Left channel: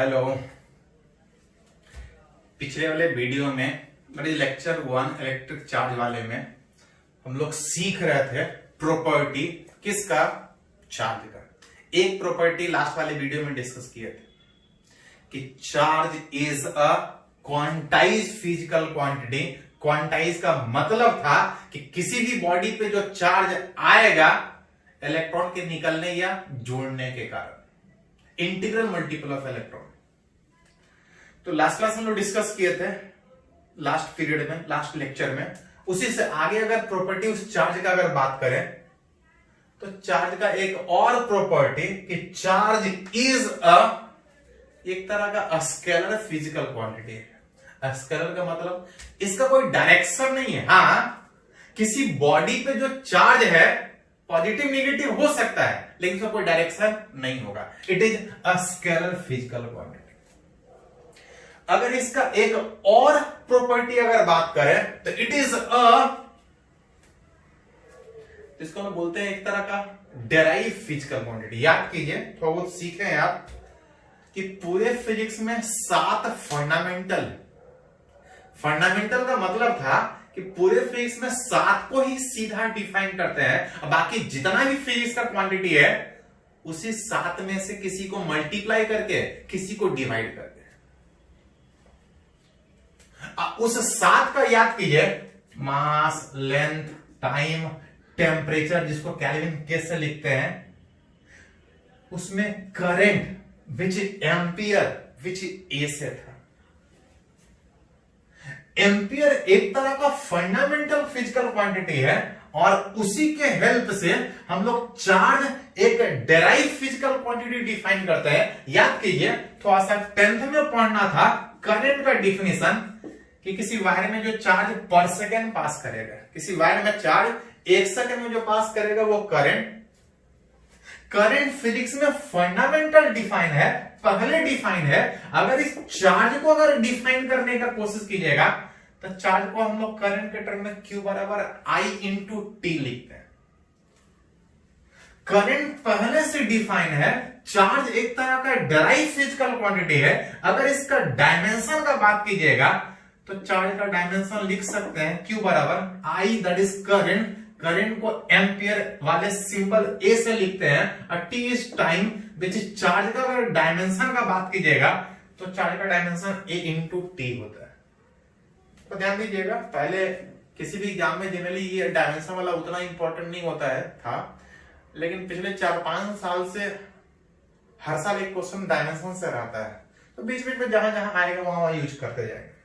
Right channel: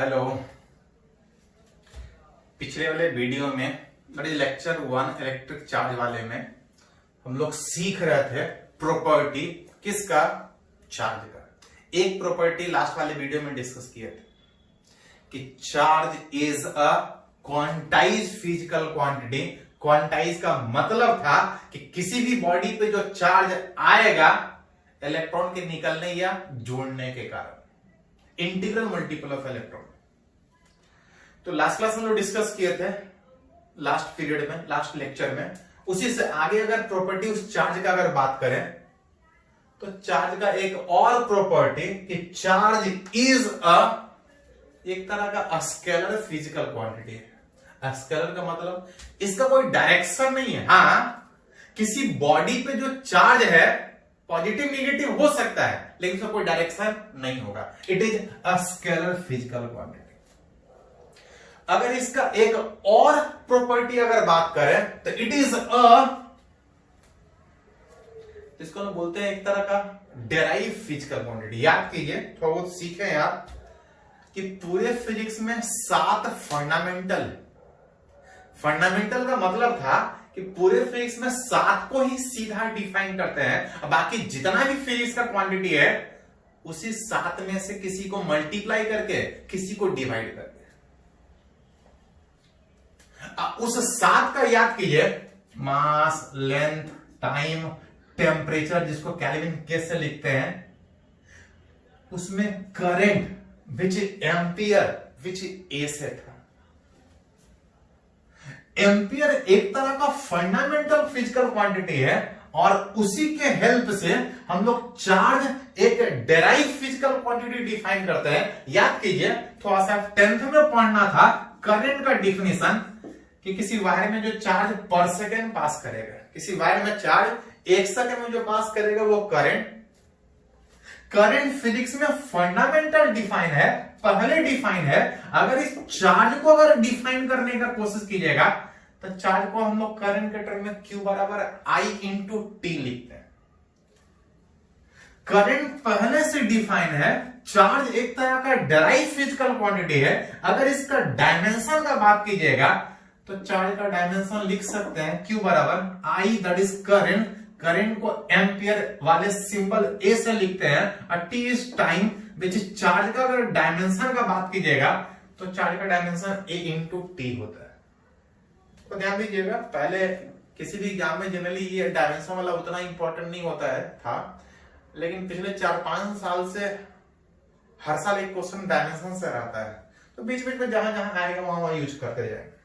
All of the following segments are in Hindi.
हेलो। पिछले वाले वीडियो में मेरे लेक्चर 1 इलेक्ट्रिक चार्ज वाले में हम लोग सीख रहे थे प्रॉपर्टी किसका, चार्ज का। एक प्रॉपर्टी लास्ट वाले वीडियो में डिस्कस किए थे कि charge is a quantize physical quantity. Quantize का मतलब था कि किसी भी बॉडी पे जो चार्ज आएगा इलेक्ट्रॉन के निकलने या जोड़ने के कारण, इंटीग्रल मल्टीपल ऑफ इलेक्ट्रॉन। तो लास्ट क्लास हम लोग डिस्कस किए थे, लास्ट पीरियड में, लास्ट लेक्चर में। उसी से आगे अगर प्रॉपर्टी उस चार्ज का अगर बात करें तो चार्ज का एक और प्रॉपर्टी कि चार्ज इज एक तरह का स्केलर फिजिकल क्वांटिटी है। स्केलर का मतलब इसका कोई डायरेक्शन नहीं है। हाँ, किसी बॉडी पे जो चार्ज है पॉजिटिव नेगेटिव हो सकता है, लेकिन इसका कोई डायरेक्शन नहीं होगा। It is a scalar physical quantity. अगर इसका एक और प्रॉपर्टी अगर बात करें तो इट इज इसको हम बोलते हैं एक तरह का डेराइव फिजिकल क्वांटिटी। याद कीजिए, थोड़ा बहुत सीखे हैं आप कि पूरे फिजिक्स में 7 फंडामेंटल का मतलब था कि पूरे फिजिक्स में 7 को ही सीधा डिफाइन करते हैं, और बाकी जितना भी फिजिक्स का क्वांटिटी है उसी 7 में से किसी को मल्टीप्लाई करके, किसी को डिवाइड करके। उस 7 का याद कीजिए, मास, लेंथ, टाइम, टेम्परेचर, जिसको केल्विन के से लिखते हैं, उसमें करंट विच एम्पियर विच ए से था। एम्पियर एक तरह का फंडामेंटल फिजिकल क्वांटिटी है, और उसी के हेल्प से हम लोग चार्ज एक डेराइव फिजिकल क्वांटिटी डिफाइन करते हैं। याद कीजिए, थोड़ा सा 10th में पढ़ना था करंट का डिफिनेशन कि किसी वायर में जो चार्ज पर सेकेंड पास करेगा, किसी वायर में चार्ज 1 सेकेंड में जो पास करेगा वो करंट फिजिक्स में फंडामेंटल डिफाइन है, पहले डिफाइन है। अगर इस चार्ज को अगर डिफाइन करने का कोशिश कीजिएगा तो चार्ज को हम लोग करंट के टर्म में Q बराबर I इंटू टी लिखते हैं। करंट पहले से डिफाइन है, चार्ज एक तरह का डेराइव फिजिकल क्वांटिटी है। अगर इसका डायमेंशन का बात कीजिएगा तो चार्ज का डायमेंशन लिख सकते हैं Q बराबर I, that is current. Current को एम्पियर वाले सिंबल ए से लिखते हैं, और T is time which is charge का। अगर डायमेंशन का बात कीजिएगा तो चार्ज का डायमेंशन ए इंटू टी होता है। तो ध्यान दीजिएगा, पहले किसी भी एग्जाम में जनरली ये डायमेंशन वाला उतना इंपॉर्टेंट नहीं होता है था, लेकिन पिछले 4-5 साल से हर साल एक क्वेश्चन डायमेंशन से रहता है। तो बीच बीच में जहां जहां आएगा वहां यूज करते जाएंगे।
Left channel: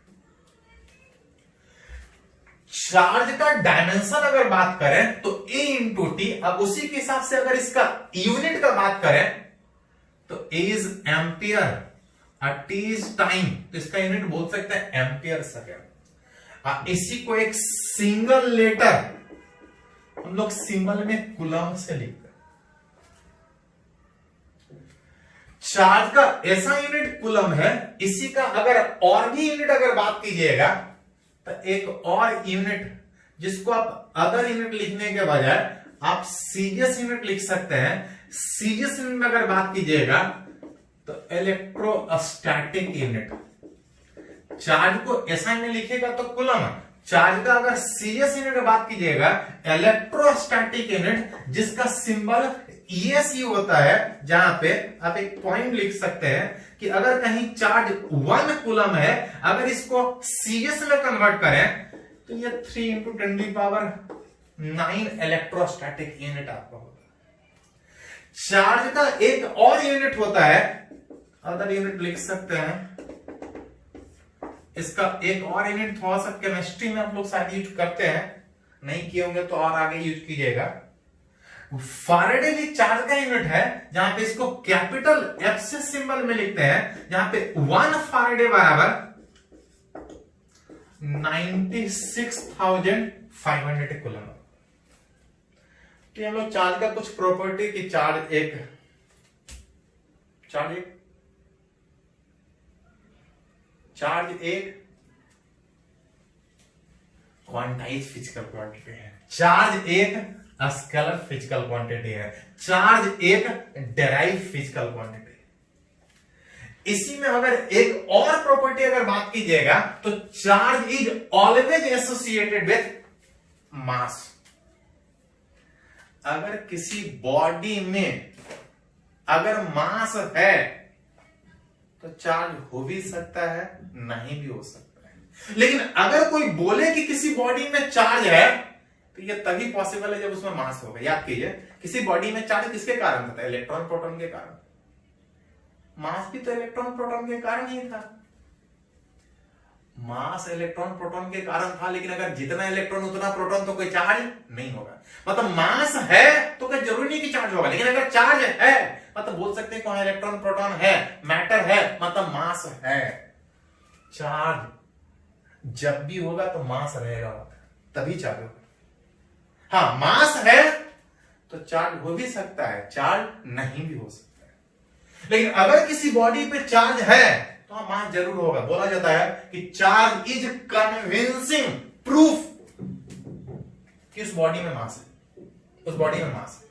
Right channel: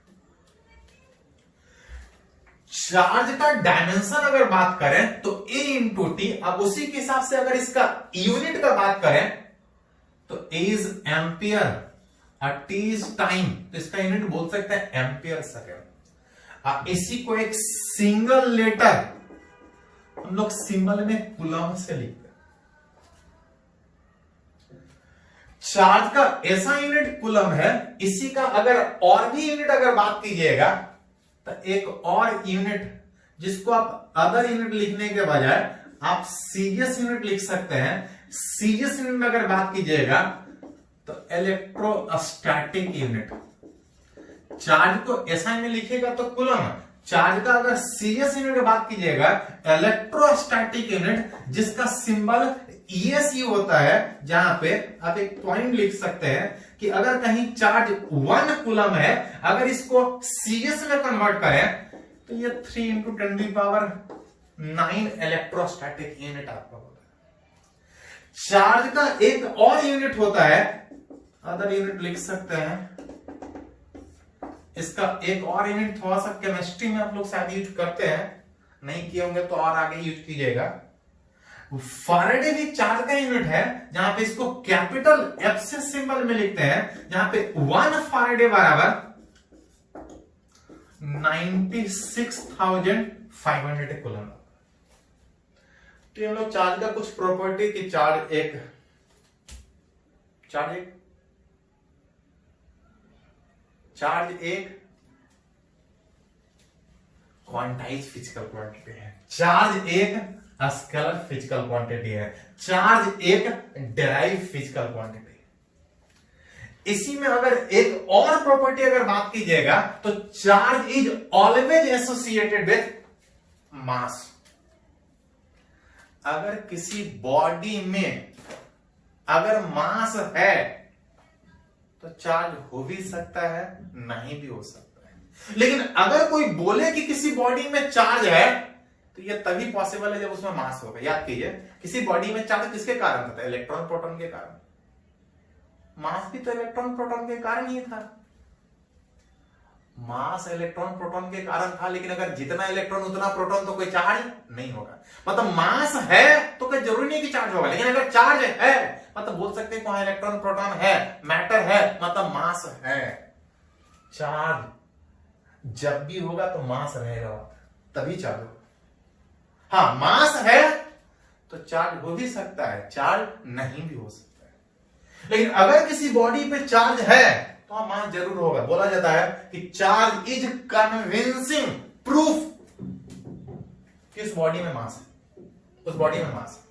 चार्ज का डायमेंशन अगर बात करें तो ए इंटू टी। अब उसी के हिसाब से अगर इसका यूनिट का बात करें तो ए इज एम्पियर और टी इज टाइम, तो इसका यूनिट बोल सकते हैं एम्पियर सेकेंड। इसी को एक सिंगल लेटर हम लोग सिंबल में कूलम से लिखते हैं। चार्ज का ऐसा यूनिट कूलम है। इसी का अगर और भी यूनिट अगर बात कीजिएगा तो एक और यूनिट जिसको आप अदर यूनिट लिखने के बजाय आप सीजीएस यूनिट लिख सकते हैं। सीजीएस यूनिट में अगर बात कीजिएगा तो इलेक्ट्रोस्टैटिक यूनिट। चार्ज को एसआई में लिखेगा तो कूलम, चार्ज का अगर सीजीएस यूनिट में बात कीजिएगा इलेक्ट्रोस्टैटिक यूनिट, जिसका सिंबल ESU होता है। जहां पे आप एक पॉइंट लिख सकते हैं कि अगर कहीं चार्ज 1 कूलम है, अगर इसको सीजीएस में कन्वर्ट करें तो ये 3 इंटू 10⁹ इलेक्ट्रोस्टैटिक यूनिट आपका होता है। चार्ज का एक और यूनिट होता है, अदर यूनिट लिख सकते हैं। इसका एक और यूनिट थोड़ा सा केमिस्ट्री में आप लोग शायद यूज करते हैं, नहीं किए होंगे तो और आगे यूज कीजिएगा। फैराडे भी चार्ज का यूनिट है, जहां पे इसको कैपिटल F से सिंबल में लिखते हैं, जहां पे 1 फैराडे बराबर 96,500 कूलम। तो ये लोग चार्ज का कुछ प्रॉपर्टी की चार्ज एक क्वांटाइज फिजिकल क्वांटिटी है। चार्ज एक स्केलर फिजिकल क्वांटिटी है। चार्ज एक डेराइव फिजिकल क्वांटिटी। इसी में अगर एक और प्रॉपर्टी अगर बात कीजिएगा तो charge is always associated with mass. अगर किसी बॉडी में अगर मास है तो चार्ज हो भी सकता है, नहीं भी हो सकता है। लेकिन अगर कोई बोले कि किसी बॉडी में चार्ज है तो यह तभी पॉसिबल है जब उसमें मास होगा। याद कीजिए, किसी बॉडी में चार्ज किसके कारण होता है? इलेक्ट्रॉन प्रोटॉन के कारण। मास भी तो इलेक्ट्रॉन प्रोटॉन के कारण ही था। मास इलेक्ट्रॉन प्रोटॉन के कारण था, लेकिन अगर जितना इलेक्ट्रॉन उतना प्रोटॉन तो कोई चार्ज नहीं होगा। मतलब मास है तो कोई जरूरी नहीं कि चार्ज होगा, लेकिन अगर चार्ज है मतलब बोल सकते हैं कौन इलेक्ट्रॉन प्रोटॉन है, मैटर है, मतलब मास है। चार्ज जब भी होगा तो मास रहेगा, तभी चार्ज होगा। हाँ, मास है तो चार्ज हो भी सकता है, चार्ज नहीं भी हो सकता है। लेकिन अगर किसी बॉडी पे चार्ज है तो हाँ, मास जरूर होगा। बोला जाता है कि चार्ज इज कन्विंसिंग प्रूफ कि उस बॉडी में मास है, उस बॉडी में मास है।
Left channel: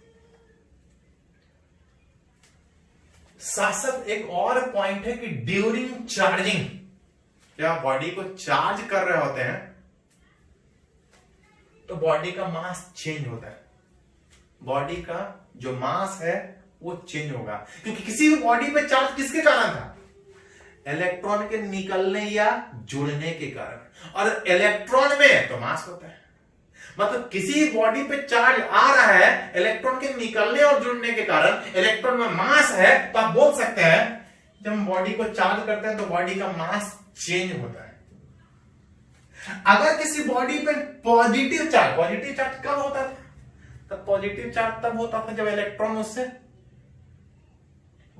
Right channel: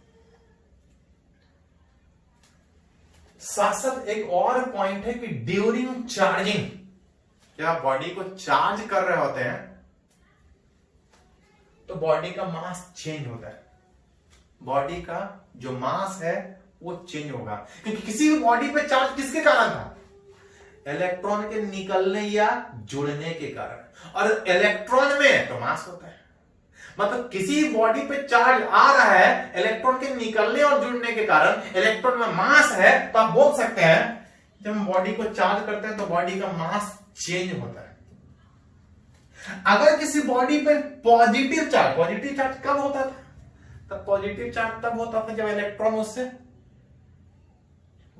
साथ साथ एक और पॉइंट है कि ड्यूरिंग चार्जिंग, जब आप बॉडी को चार्ज कर रहे होते हैं तो बॉडी का मास चेंज होता है। बॉडी का जो मास है वो चेंज होगा, क्योंकि किसी भी बॉडी पे चार्ज किसके कारण था? इलेक्ट्रॉन के निकलने या जुड़ने के कारण। और इलेक्ट्रॉन में तो मास होता है। मतलब किसी बॉडी पे चार्ज आ रहा है, इलेक्ट्रॉन के निकलने और जुड़ने के कारण इलेक्ट्रॉन में मास है, तो आप बोल सकते हैं जब हम बॉडी को चार्ज करते हैं तो बॉडी का मास चेंज होता है। अगर किसी बॉडी पे पॉजिटिव चार्ज कब होता था? तब पॉजिटिव चार्ज तब होता था जब इलेक्ट्रॉन उससे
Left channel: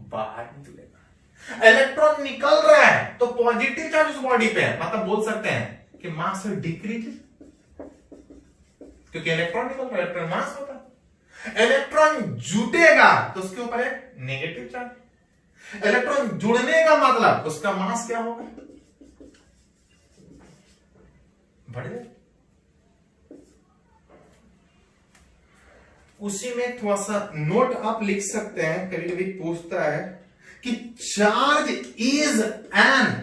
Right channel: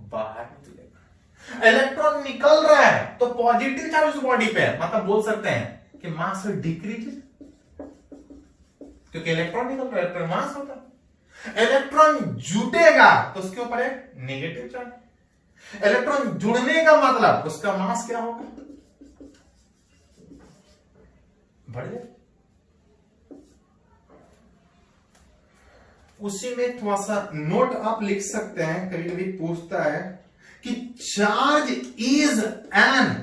बाहर निकलेगा। इलेक्ट्रॉन निकल रहा है तो पॉजिटिव चार्ज उस बॉडी पे है, मतलब बोल सकते हैं कि मास डिक्रीज, क्योंकि इलेक्ट्रॉन निकल रहा है, इलेक्ट्रॉन मास होता है। इलेक्ट्रॉन जुटेगा तो उसके ऊपर एक नेगेटिव चार्ज। इलेक्ट्रॉन जुड़ने का मतलब उसका मास क्या होगा? बढ़ जाए। उसी में थोड़ा सा नोट आप लिख सकते हैं, कभी कभी पूछता है कि charge is an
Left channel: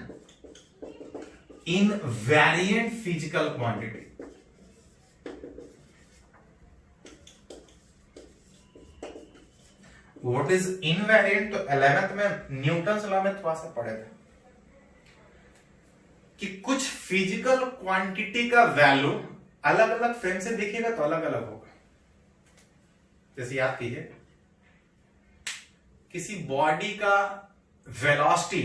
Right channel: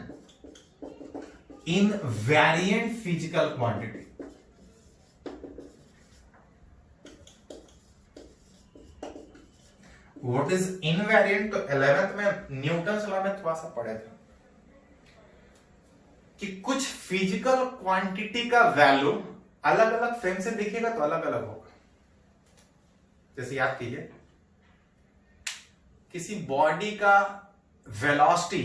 invariant physical quantity. What is invariant? तो 11th में न्यूटन लॉ में थोड़ा सा पढ़े थे कि कुछ फिजिकल क्वांटिटी का वैल्यू अलग अलग फ्रेम से दिखेगा तो अलग अलग होगा। जैसे याद कीजिए, किसी बॉडी का वेलोसिटी,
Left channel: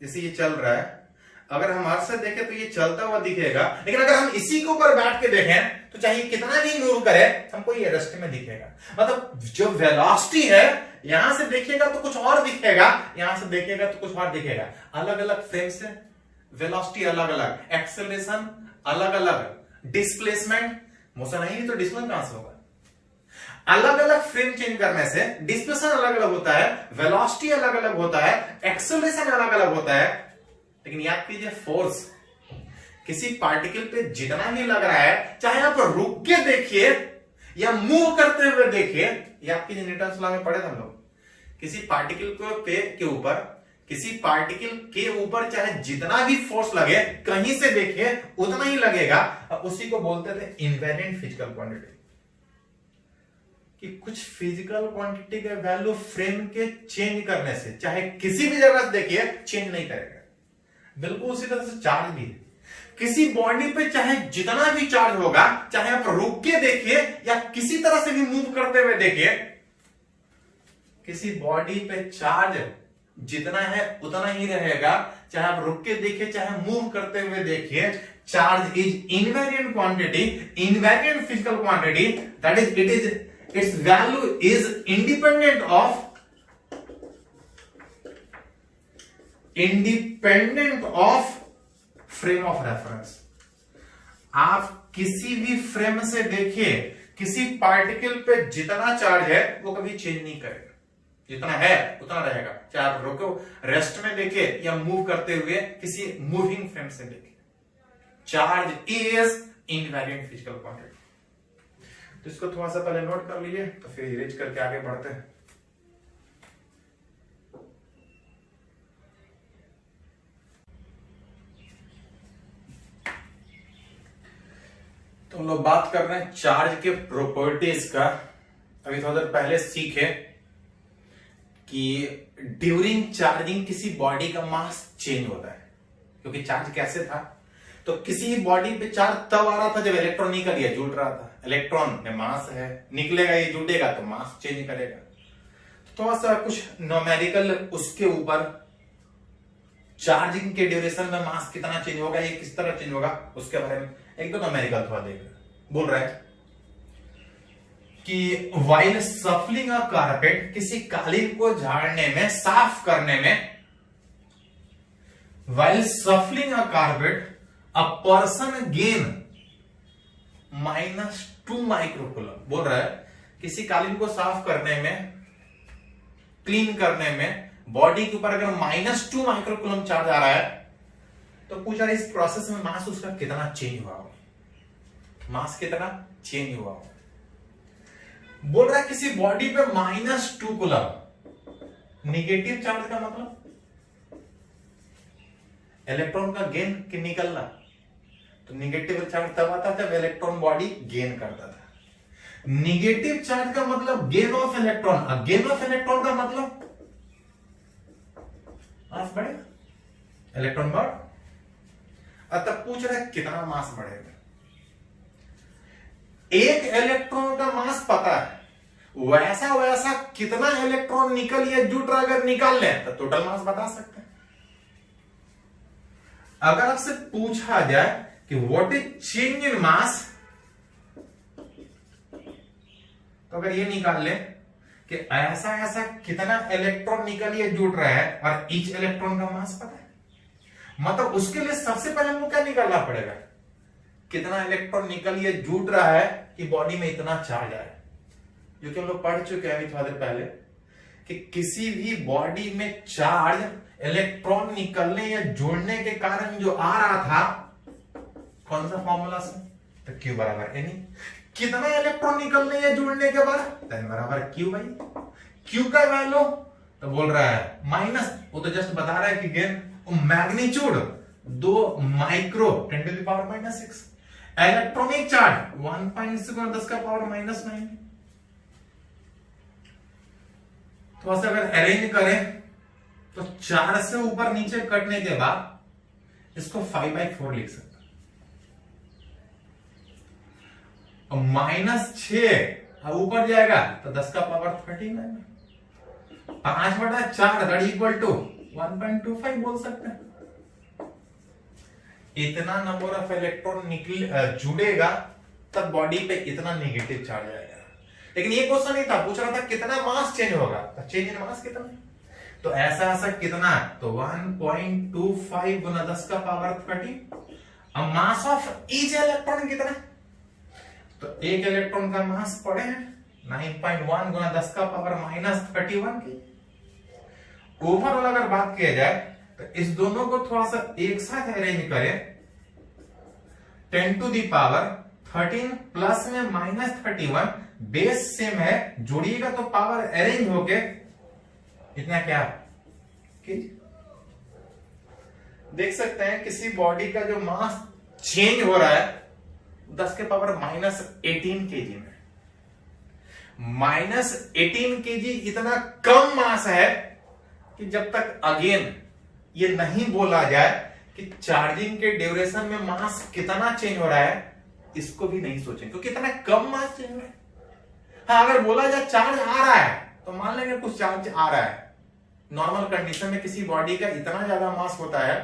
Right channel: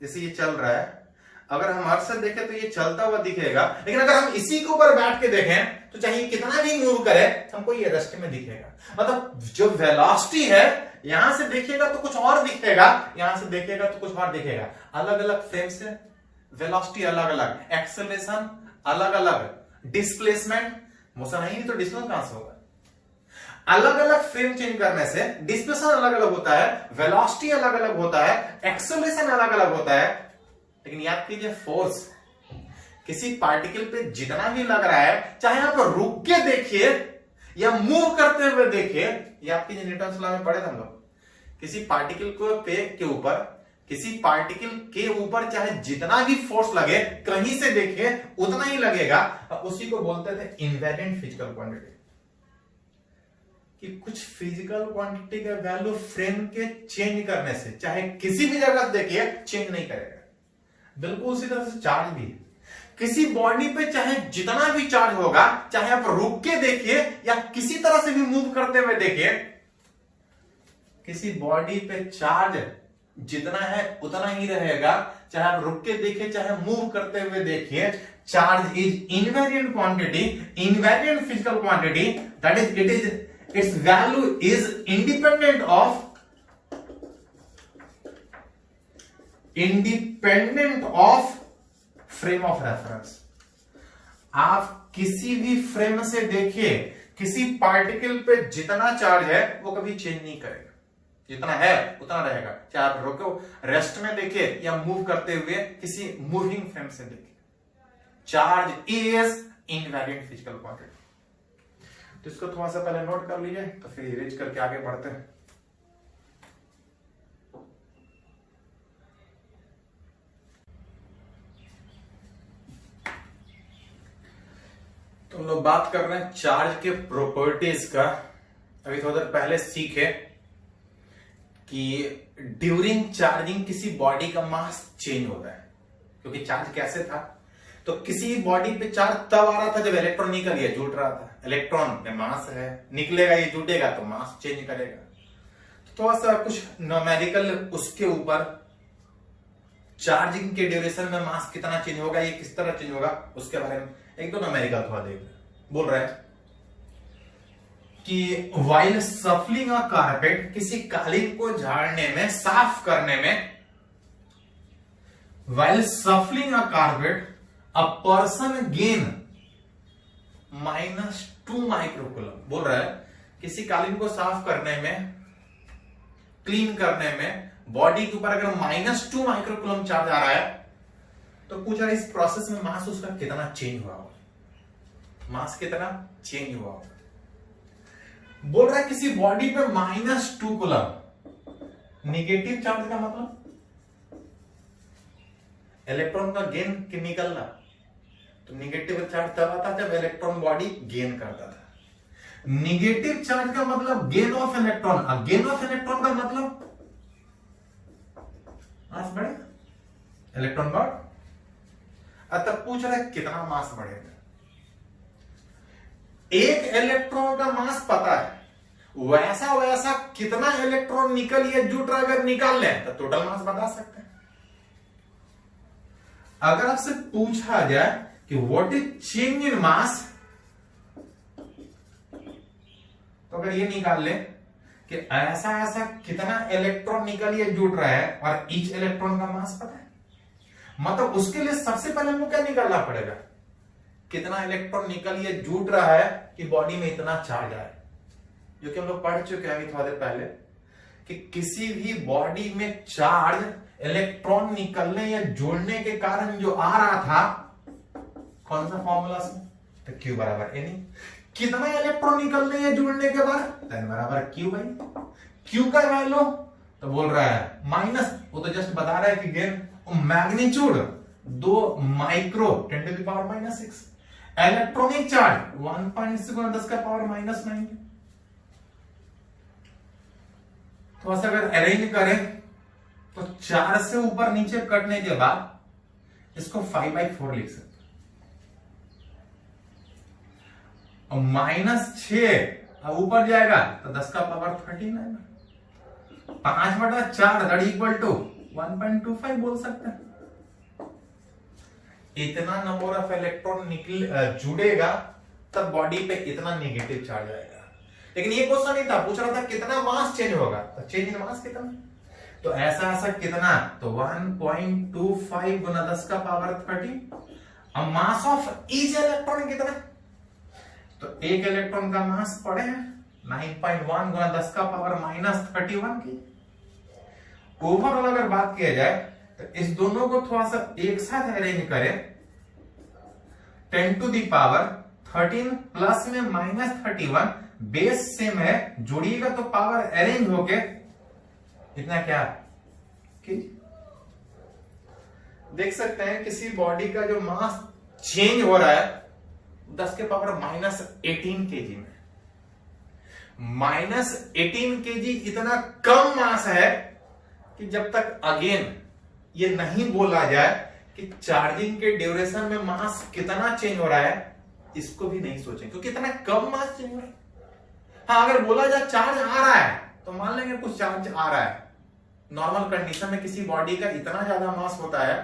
जैसे ये चल रहा है, अगर हम अर्थ से देखें तो ये चलता हुआ दिखेगा, लेकिन अगर हम इसी के ऊपर बैठ के देखें तो चाहे कितना भी मूव करे हमको ये रेस्ट में दिखेगा। मतलब जो वेलोसिटी है, यहां से देखेगा तो कुछ और दिखेगा, यहां से देखेगा तो कुछ और दिखेगा। अलग अलग फ्रेम से वेलोसिटी अलग अलग, एक्सेलरेशन अलग अलग, डिस्प्लेसमेंट, मोशन नहीं तो डिस्प्लेसमेंट कहां से होगा? अलग अलग फ्रेम चेंज करने से डिस्प्लेसमेंट अलग अलग होता है, वेलोसिटी अलग अलग होता है, एक्सेलरेशन अलग अलग होता है। लेकिन याद कीजिए, फोर्स किसी पार्टिकल पे जितना भी लग रहा है, चाहे आप रुक के देखिए या मूव करते हुए देखिए, याद कीजिए न्यूटन लॉ में पढ़े थे हम लोग, किसी पार्टिकल के ऊपर, किसी पार्टिकल के ऊपर चाहे जितना भी फोर्स लगे, कहीं से देखिए उतना ही लगेगा। उसी को बोलते थे इनवेरिएंट फिजिकल क्वांटिटी। कि कुछ फिजिकल क्वांटिटी का वैल्यू फ्रेम के चेंज करने से, चाहे किसी भी जगह से देखिए, चेंज नहीं करेगा। बिल्कुल उसी तरह से चार्ज भी, किसी बॉडी पे चाहे जितना भी चार्ज होगा, चाहे आप रुक के देखिए या किसी तरह से भी मूव करते हुए देखिए, किसी बॉडी पे चार्ज जितना है उतना ही रहेगा, चाहे आप रुक के देखिए चाहे मूव करते हुए देखिए। Charge is invariant quantity, invariant physical quantity, that is its value is independent of frame of reference। आप किसी भी फ्रेम से देखिए, किसी पार्टिकल पे जितना चार्ज है वो कभी चेंज नहीं करेगा, जितना है उतना रहेगा। चाहे आप रोको रेस्ट में देखिए या मूव करते हुए किसी मूविंग फ्रेम से देखिए। Charge is invariant physical quantity. तो इसको थोड़ा सा पहले नोट कर लीजिए, तो फिर इरेज करके आगे बढ़ते हैं। तो हम लोग बात कर रहे हैं चार्ज के प्रॉपर्टीज का। अभी थोड़ा देर पहले सीखे कि ड्यूरिंग चार्जिंग किसी बॉडी का मास चेंज होता है, क्योंकि चार्ज कैसे था, तो किसी बॉडी पे चार्ज तब आ रहा था जब इलेक्ट्रॉन निकल गया, जुड़ रहा था। इलेक्ट्रॉन में मास है, निकलेगा, ये जुटेगा तो मास चेंज करेगा। तो थोड़ा सा कुछ न्यूमेरिकल उसके ऊपर, चार्जिंग के ड्यूरेशन में मास कितना चेंज होगा, ये किस तरह चेंज होगा, उसके बारे में एक दो न्यूमेरिकल थोड़ा देख बोल रहा है कि व्हाइल सफलिंग अ कारपेट, किसी कालीन को झाड़ने में, साफ करने में, while सफलिंग a carpet a person gain -2 microcoulomb. बोल रहा है किसी कालीन को साफ करने में, क्लीन करने में, बॉडी के ऊपर अगर -2 माइक्रोकूलम चार्ज आ रहा है, तो पूछ रहा है इस प्रोसेस में मास उसका कितना चेंज हुआ होगा, मास कितना चेंज हुआ होगा। बोल रहा है किसी बॉडी पे -2 कूलम, निगेटिव चार्ज का मतलब इलेक्ट्रॉन का गेन निकलना, तो निगेटिव चार्ज तब आता जब इलेक्ट्रॉन बॉडी गेन करता था। निगेटिव चार्ज का मतलब गेन ऑफ इलेक्ट्रॉन, और गेन ऑफ इलेक्ट्रॉन का मतलब मास बढ़ेगा, इलेक्ट्रॉन बढ़। तब पूछ रहा है कितना मास बढ़ेगा। एक इलेक्ट्रॉन का मास पता है, वैसा वैसा कितना इलेक्ट्रॉन निकल या जुट रहा अगर निकाल ले तो टोटल मास बता सकते हैं। अगर आपसे पूछा जाए कि व्हाट इज चेंज इन मास, तो अगर ये निकाल ले कि ऐसा ऐसा कितना इलेक्ट्रॉन निकल या जुट रहा है और ईच इलेक्ट्रॉन का मास पता है, मतलब उसके लिए सबसे पहले हमको क्या निकालना पड़ेगा, कितना इलेक्ट्रॉन निकल या जुट रहा है कि बॉडी में इतना चार्ज आए। क्योंकि हम लोग पढ़ चुके हैं अभी थोड़ा देर पहले कि किसी भी बॉडी में चार्ज इलेक्ट्रॉन निकलने या जुड़ने के कारण जो आ रहा था, कौन सा फॉर्मूला से, तो Q बराबर N। कितना इलेक्ट्रॉन निकलने या जुड़ने के बाद, N बराबर Q भाई। Q का वैल्यू तो बोल रहा है माइनस, वो तो जस्ट बता रहा है कि gain magnitude 2 micro 10⁻⁻6, electronic charge 1.6 10 का पावर -9। तो बस अगर अरेंज करें तो 4 से ऊपर नीचे कटने के बाद इसको 5/4 लिख सकते हैं। -6 ऊपर जाएगा तो 10 का पावर 39, 5/4 दैट इक्वल टू 1.25 बोल सकते हैं। इतना नंबर ऑफ इलेक्ट्रॉन निकल जुड़ेगा तब बॉडी पे इतना नेगेटिव चार्ज आएगा। लेकिन ये क्वेश्चन नहीं था, पूछ रहा था कितना मास चेंज होगा, तो चेंज इन मास कितना, तो ऐसा ऐसा कितना, तो 1.25 गुना 10 का पावर 30। अब मास ऑफ ईच इलेक्ट्रॉन कितना, तो एक इलेक्ट्रॉन का मास पड़े हैं 9.1 गुना 10 का पावर -31 की। ओवरऑल अगर बात किया जाए तो इस दोनों को थोड़ा सा एक साथ अरेंज करें, 10 टू दी पावर 13 प्लस में -31, बेस सेम है, जोड़िएगा तो पावर अरेंज होके इतना क्या देख सकते हैं। किसी बॉडी का जो मास चेंज हो रहा है 10 के पावर -18 केजी में, -18 केजी इतना कम मास है कि जब तक अगेन ये नहीं बोला जाए कि चार्जिंग के ड्यूरेशन में मास कितना चेंज हो रहा है, इसको भी नहीं सोचें, क्योंकि इतना कम मास चेंज हो रहा है। हाँ, अगर बोला जाए चार्ज आ रहा है तो मान लेंगे कुछ चार्ज आ रहा है। नॉर्मल कंडीशन में किसी बॉडी का इतना ज्यादा मास होता है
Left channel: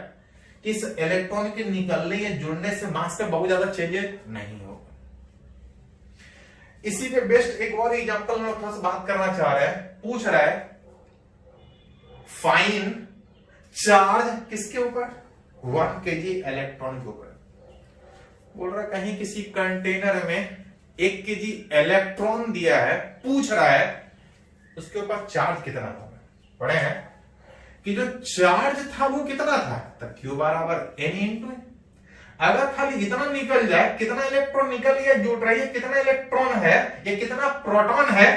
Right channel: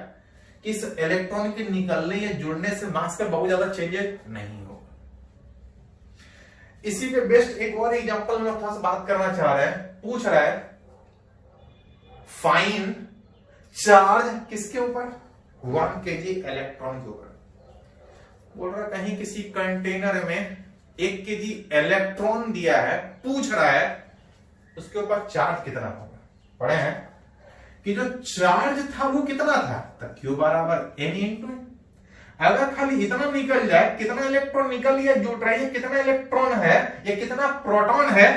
कि इस इलेक्ट्रॉन के निकलने या जुड़ने से मास पे बहुत ज्यादा चेंजेस नहीं होगा। इसी पे बेस्ट एक और एग्जांपल में थोड़ा सा बात करना चाह रहे हैं। पूछ रहा है फाइन चार्ज किसके ऊपर, 1 kg इलेक्ट्रॉन के ऊपर। बोल रहा कहीं किसी कंटेनर में 1 kg इलेक्ट्रॉन दिया है, पूछ रहा है उसके ऊपर चार्ज कितना होगा। पढ़े हैं कि जो चार्ज था वो कितना था, तो Q बराबर N × N। अगर खाली इतना निकल जाए, कितना इलेक्ट्रॉन निकल या जुट रही है, कितना इलेक्ट्रॉन है या कितना प्रोटॉन है,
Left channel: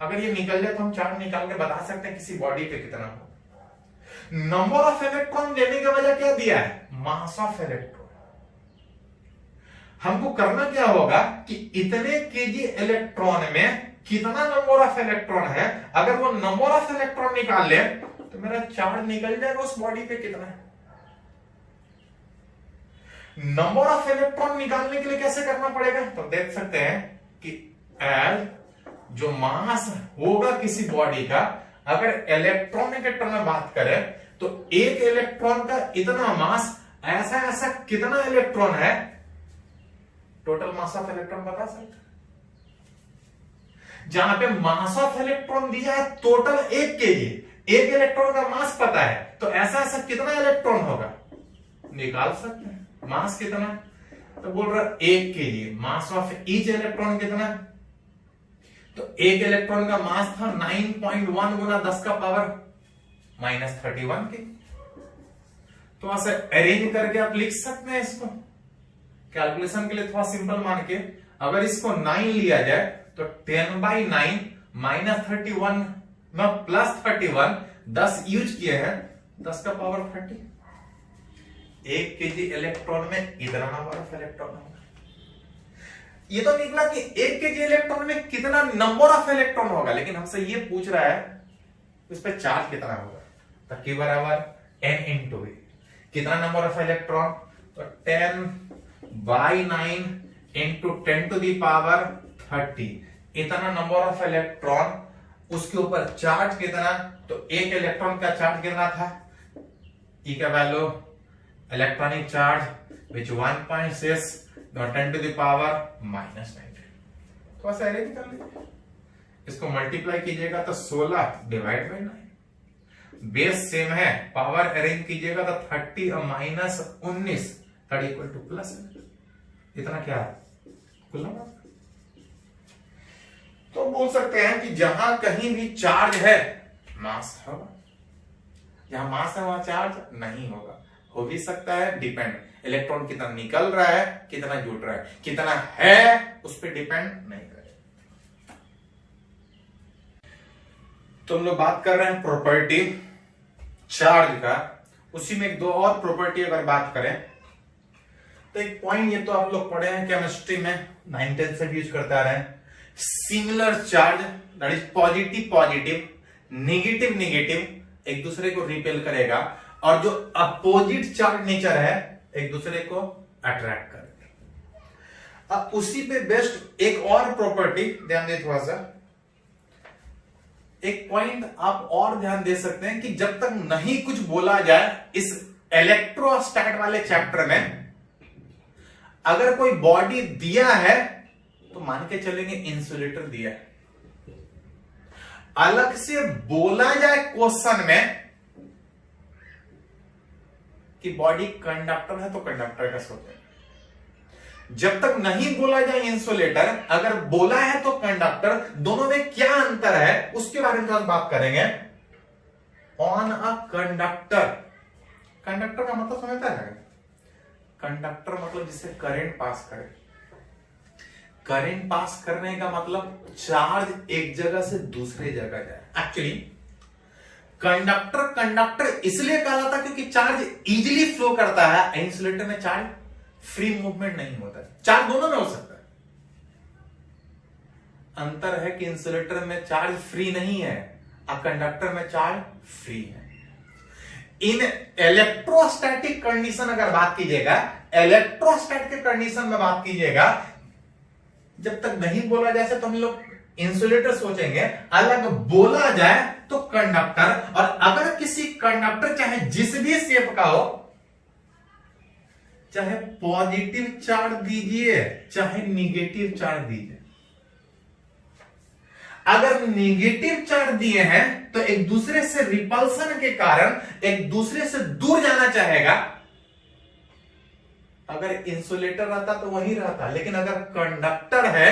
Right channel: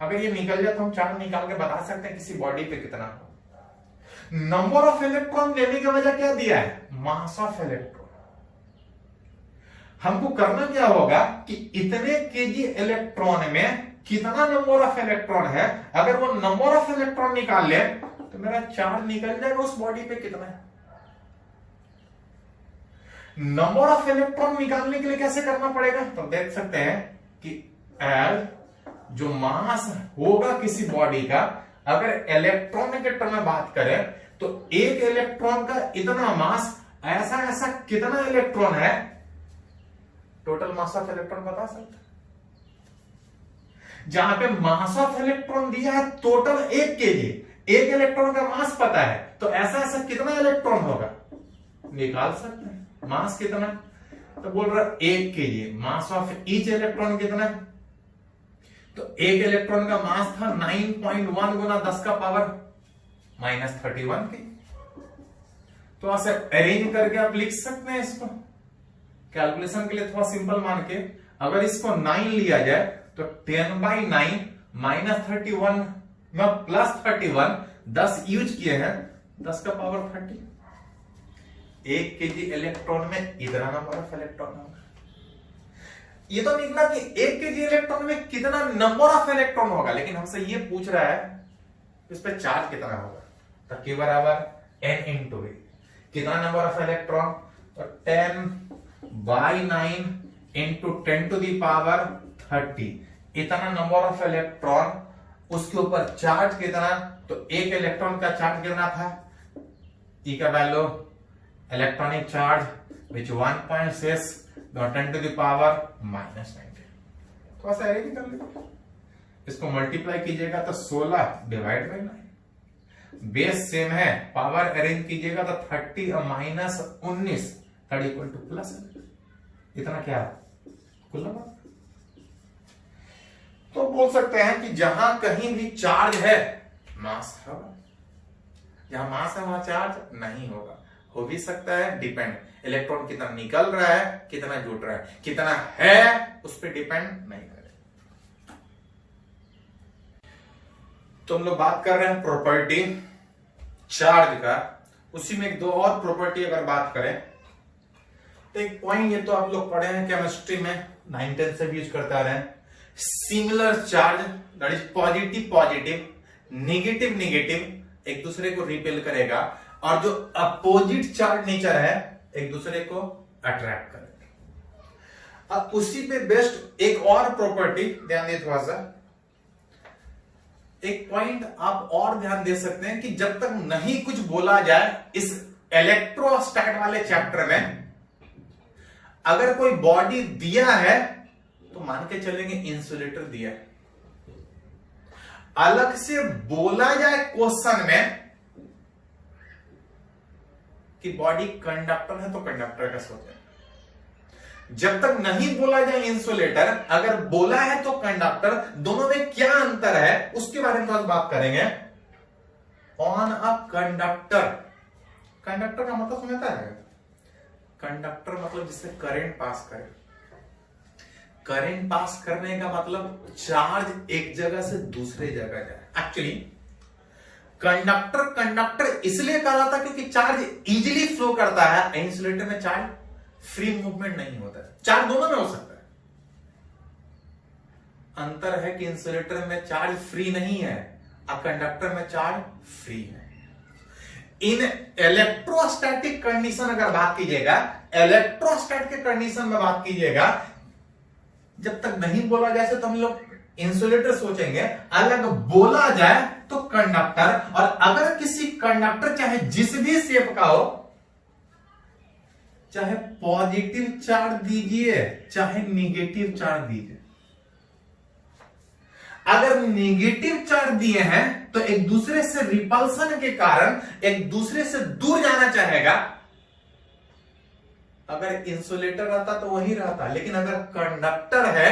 अगर ये निकल जाए तो हम चार्ज निकाल के बता सकते हैं किसी बॉडी पे कितना हो। नंबर ऑफ इलेक्ट्रॉन देने की वजह क्या दिया है, मास ऑफ इलेक्ट्रॉन। हमको करना क्या होगा कि इतने केजी इलेक्ट्रॉन में कितना नंबर ऑफ इलेक्ट्रॉन है, अगर वो नंबर ऑफ इलेक्ट्रॉन निकाल ले तो मेरा चार्ज निकल जाएगा उस बॉडी पे कितना है। नंबर ऑफ इलेक्ट्रॉन निकालने के लिए कैसे करना पड़ेगा, तो देख सकते हैं कि एल जो मास होगा किसी बॉडी का, अगर इलेक्ट्रॉन के टर्म में बात करें तो एक इलेक्ट्रॉन का इतना मास, ऐसा ऐसा कितना इलेक्ट्रॉन है, टोटल मास ऑफ इलेक्ट्रॉन बता सकते। जहां पे मास ऑफ इलेक्ट्रॉन दिया है टोटल 1 केजी, एक इलेक्ट्रॉन का मास पता है, तो ऐसा ऐसा कितना इलेक्ट्रॉन होगा निकाल सकते हैं। मास कितना, तो बोल रहा 1 KG, mass of each electron कितना, तो एक इलेक्ट्रॉन का मास था 9.1 गुना 10 का पावर -31 थी। तो ऐसे अरेंज करके आप लिख सकते हैं इसको, कैलकुलेशन के लिए थोड़ा सिंपल मान के, अगर इसको 9 लिया जाए तो 10/9 -31 में +31, 10 यूज किए हैं, 10 का पावर 30। 1 केजी इलेक्ट्रॉन में इतना नंबर ऑफ इलेक्ट्रॉन होगा। ये तो निकला कि 1 केजी इलेक्ट्रॉन में कितना नंबर ऑफ इलेक्ट्रॉन होगा, लेकिन हमसे ये पूछ रहा है इस पे चार्ज कितना होगा, तो Q बराबर N × V। कितना नंबर ऑफ इलेक्ट्रॉन, तो 10/9 × 10⁻30, इतना नंबर ऑफ इलेक्ट्रॉन, उसके ऊपर चार्ज कितना, तो एक इलेक्ट्रॉन का चार्ज कितना था, E का वैल्यू इलेक्ट्रॉनिक चार्ज विच 1.6 10⁻⁻⁹। थोड़ा सा अरेंज कर लीजिए, इसको मल्टीप्लाई कीजिएगा तो 16 / 9, बेस सेम है, पावर अरेंज कीजिएगा तो 30 और -19 +, इतना क्या है कुल नंबर। तो बोल सकते हैं कि जहां कहीं भी चार्ज है मास होगा, जहां मास है वहां चार्ज नहीं होगा। हो भी सकता है डिपेंड, इलेक्ट्रॉन कितना निकल रहा है, कितना जुट रहा है, कितना है उस पर डिपेंड नहीं करेगा। तो हम लोग बात कर रहे हैं प्रॉपर्टी चार्ज का, उसी में 2 और प्रॉपर्टी अगर बात करें तो एक पॉइंट, ये तो आप लोग पढ़े हैं केमिस्ट्री में, 9th से भी यूज करते आ रहे हैं, similar charge that is positive positive, negative negative एक दूसरे को रिपेल करेगा, और जो अपोजिट चार्ज नेचर है एक दूसरे को अट्रैक्ट करेगा। अब उसी पे बेस्ड एक और प्रॉपर्टी ध्यान दे, थोड़ा सा एक पॉइंट आप और ध्यान दे सकते हैं कि जब तक नहीं कुछ बोला जाए इस इलेक्ट्रोस्टैट वाले चैप्टर में, अगर कोई बॉडी दिया है तो मान के चलेंगे इंसुलेटर दिया है, अलग से बोला जाए क्वेश्चन में कि बॉडी कंडक्टर है तो कंडक्टर का सोचें। जब तक नहीं बोला जाए इंसुलेटर, अगर बोला है तो कंडक्टर, दोनों में क्या अंतर है उसके बारे में हम बात करेंगे। ऑन अ कंडक्टर, कंडक्टर का मतलब समझता है, कंडक्टर मतलब जिससे करंट पास करे, करंट पास करने का मतलब चार्ज एक जगह से दूसरे जगह जाए। एक्चुअली कंडक्टर कंडक्टर इसलिए कहलाता क्योंकि चार्ज इजीली फ्लो करता है, इंसुलेटर में चार्ज फ्री मूवमेंट नहीं होता है। चार्ज दोनों में हो सकता है, अंतर है कि इंसुलेटर में चार्ज फ्री नहीं है और कंडक्टर में चार्ज फ्री है। इन इलेक्ट्रोस्टैटिक कंडीशन अगर बात कीजिएगा, इलेक्ट्रोस्टैट के कंडीशन में बात कीजिएगा, जब तक नहीं बोला जाए तो हम लोग इंसुलेटर सोचेंगे, अलग बोला जाए तो कंडक्टर। और अगर किसी कंडक्टर चाहे जिस भी शेप का हो, चाहे पॉजिटिव चार्ज दीजिए चाहे निगेटिव चार्ज दीजिए, अगर नेगेटिव चार्ज दिए हैं तो एक दूसरे से रिपल्सन के कारण एक दूसरे से दूर जाना चाहेगा। अगर इंसुलेटर रहता तो वही रहता, लेकिन अगर कंडक्टर है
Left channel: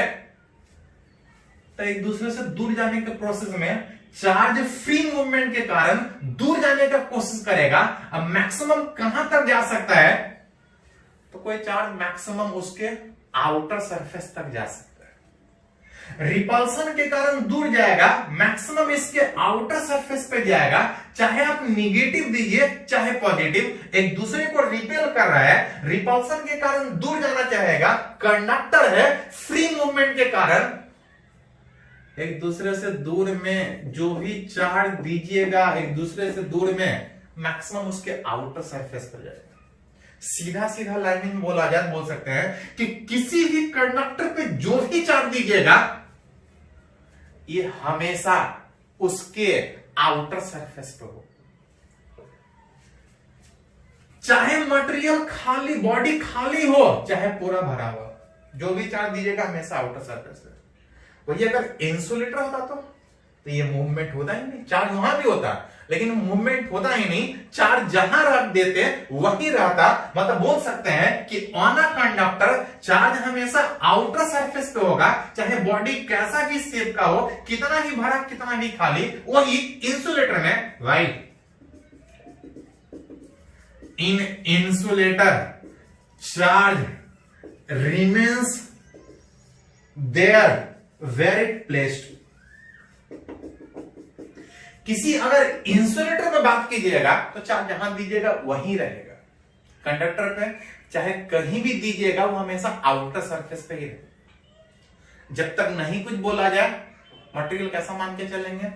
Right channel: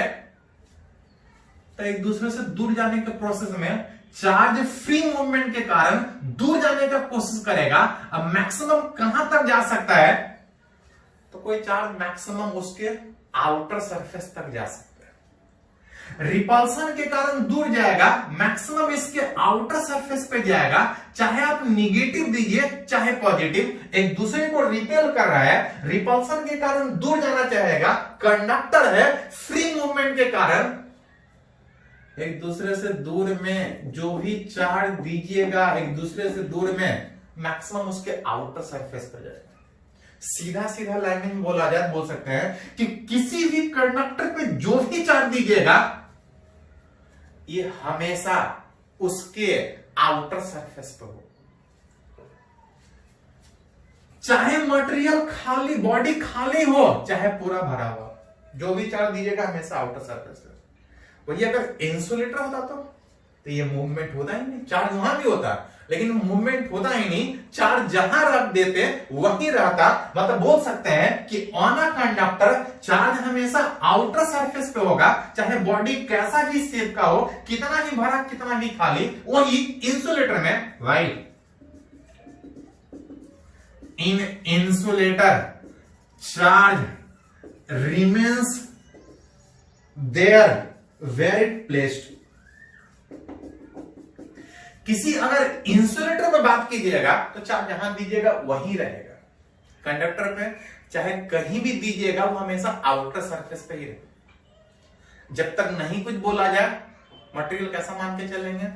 तो एक दूसरे से दूर जाने के प्रोसेस में चार्ज फ्री मूवमेंट के कारण दूर जाने का कोशिश करेगा। अब मैक्सिमम कहां तक जा सकता है, तो कोई चार्ज मैक्सिमम उसके आउटर सरफेस तक जा सकता है, रिपल्सन के कारण दूर जाएगा, मैक्सिमम इसके आउटर सरफेस पे जाएगा, चाहे आप निगेटिव दीजिए चाहे पॉजिटिव, एक दूसरे को रिपेल कर रहा है, रिपल्सन के कारण दूर जाना चाहेगा, कंडक्टर है, फ्री मूवमेंट के कारण एक दूसरे से दूर में जो भी चार्ज दीजिएगा एक दूसरे से दूर में मैक्सिमम उसके आउटर सरफेस पर जाएगा। सीधा सीधा लाइन में बोल सकते हैं कि किसी भी कंडक्टर पे जो भी चार्ज दीजिएगा ये हमेशा उसके आउटर सरफेस पे हो, चाहे मटेरियल खाली, बॉडी खाली हो चाहे पूरा भरा हुआ, जो भी चार्ज दीजिएगा हमेशा आउटर सरफेस पे। वही अगर इंसुलेटर होता तो ये मूवमेंट होता ही नहीं, चार्ज वहां भी होता लेकिन मूवमेंट होता ही नहीं, चार्ज जहां रख देते वहीं रहता। मतलब बोल सकते हैं कि ऑन अ कंडक्टर चार्ज हमेशा आउटर सरफेस पे होगा, चाहे बॉडी कैसा भी शेप का हो, कितना ही भरा कितना भी खाली। वही इंसुलेटर में right, in insulator charge remains there where it placed. किसी अगर इंसुलेटर में बात कीजिएगा तो चार्ज जहां दीजिएगा वहीं रहेगा, कंडक्टर पे चाहे कहीं भी दीजिएगा वो हमेशा आउटर सरफेस पे ही रहेगा। जब तक नहीं कुछ बोला जाए मटेरियल कैसा मान के चलेंगे,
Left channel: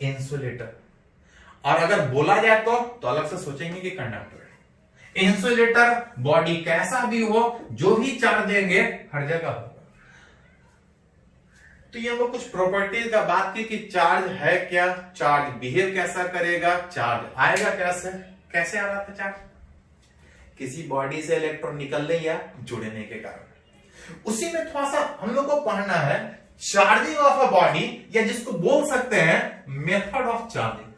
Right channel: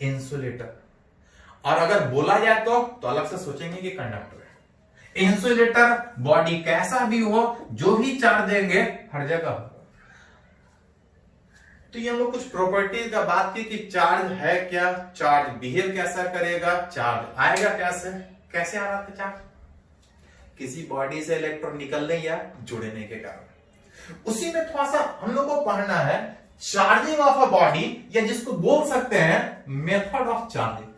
इंसुलेटर, और अगर बोला जाए तो अलग से सोचेंगे कि कंडक्टर है। इंसुलेटर बॉडी कैसा भी हो, जो भी चार्ज देंगे हर जगह होगा। तो ये हम लोग कुछ प्रॉपर्टीज का बात की कि चार्ज है क्या, चार्ज बिहेव कैसा करेगा, चार्ज आएगा कैसे, कैसे आ रहा था चार्ज, किसी बॉडी से इलेक्ट्रॉन निकलने या जुड़ने के कारण। उसी में थोड़ा सा हम लोग को पढ़ना है चार्जिंग ऑफ अ बॉडी, या जिसको बोल सकते हैं मेथड ऑफ चार्जिंग।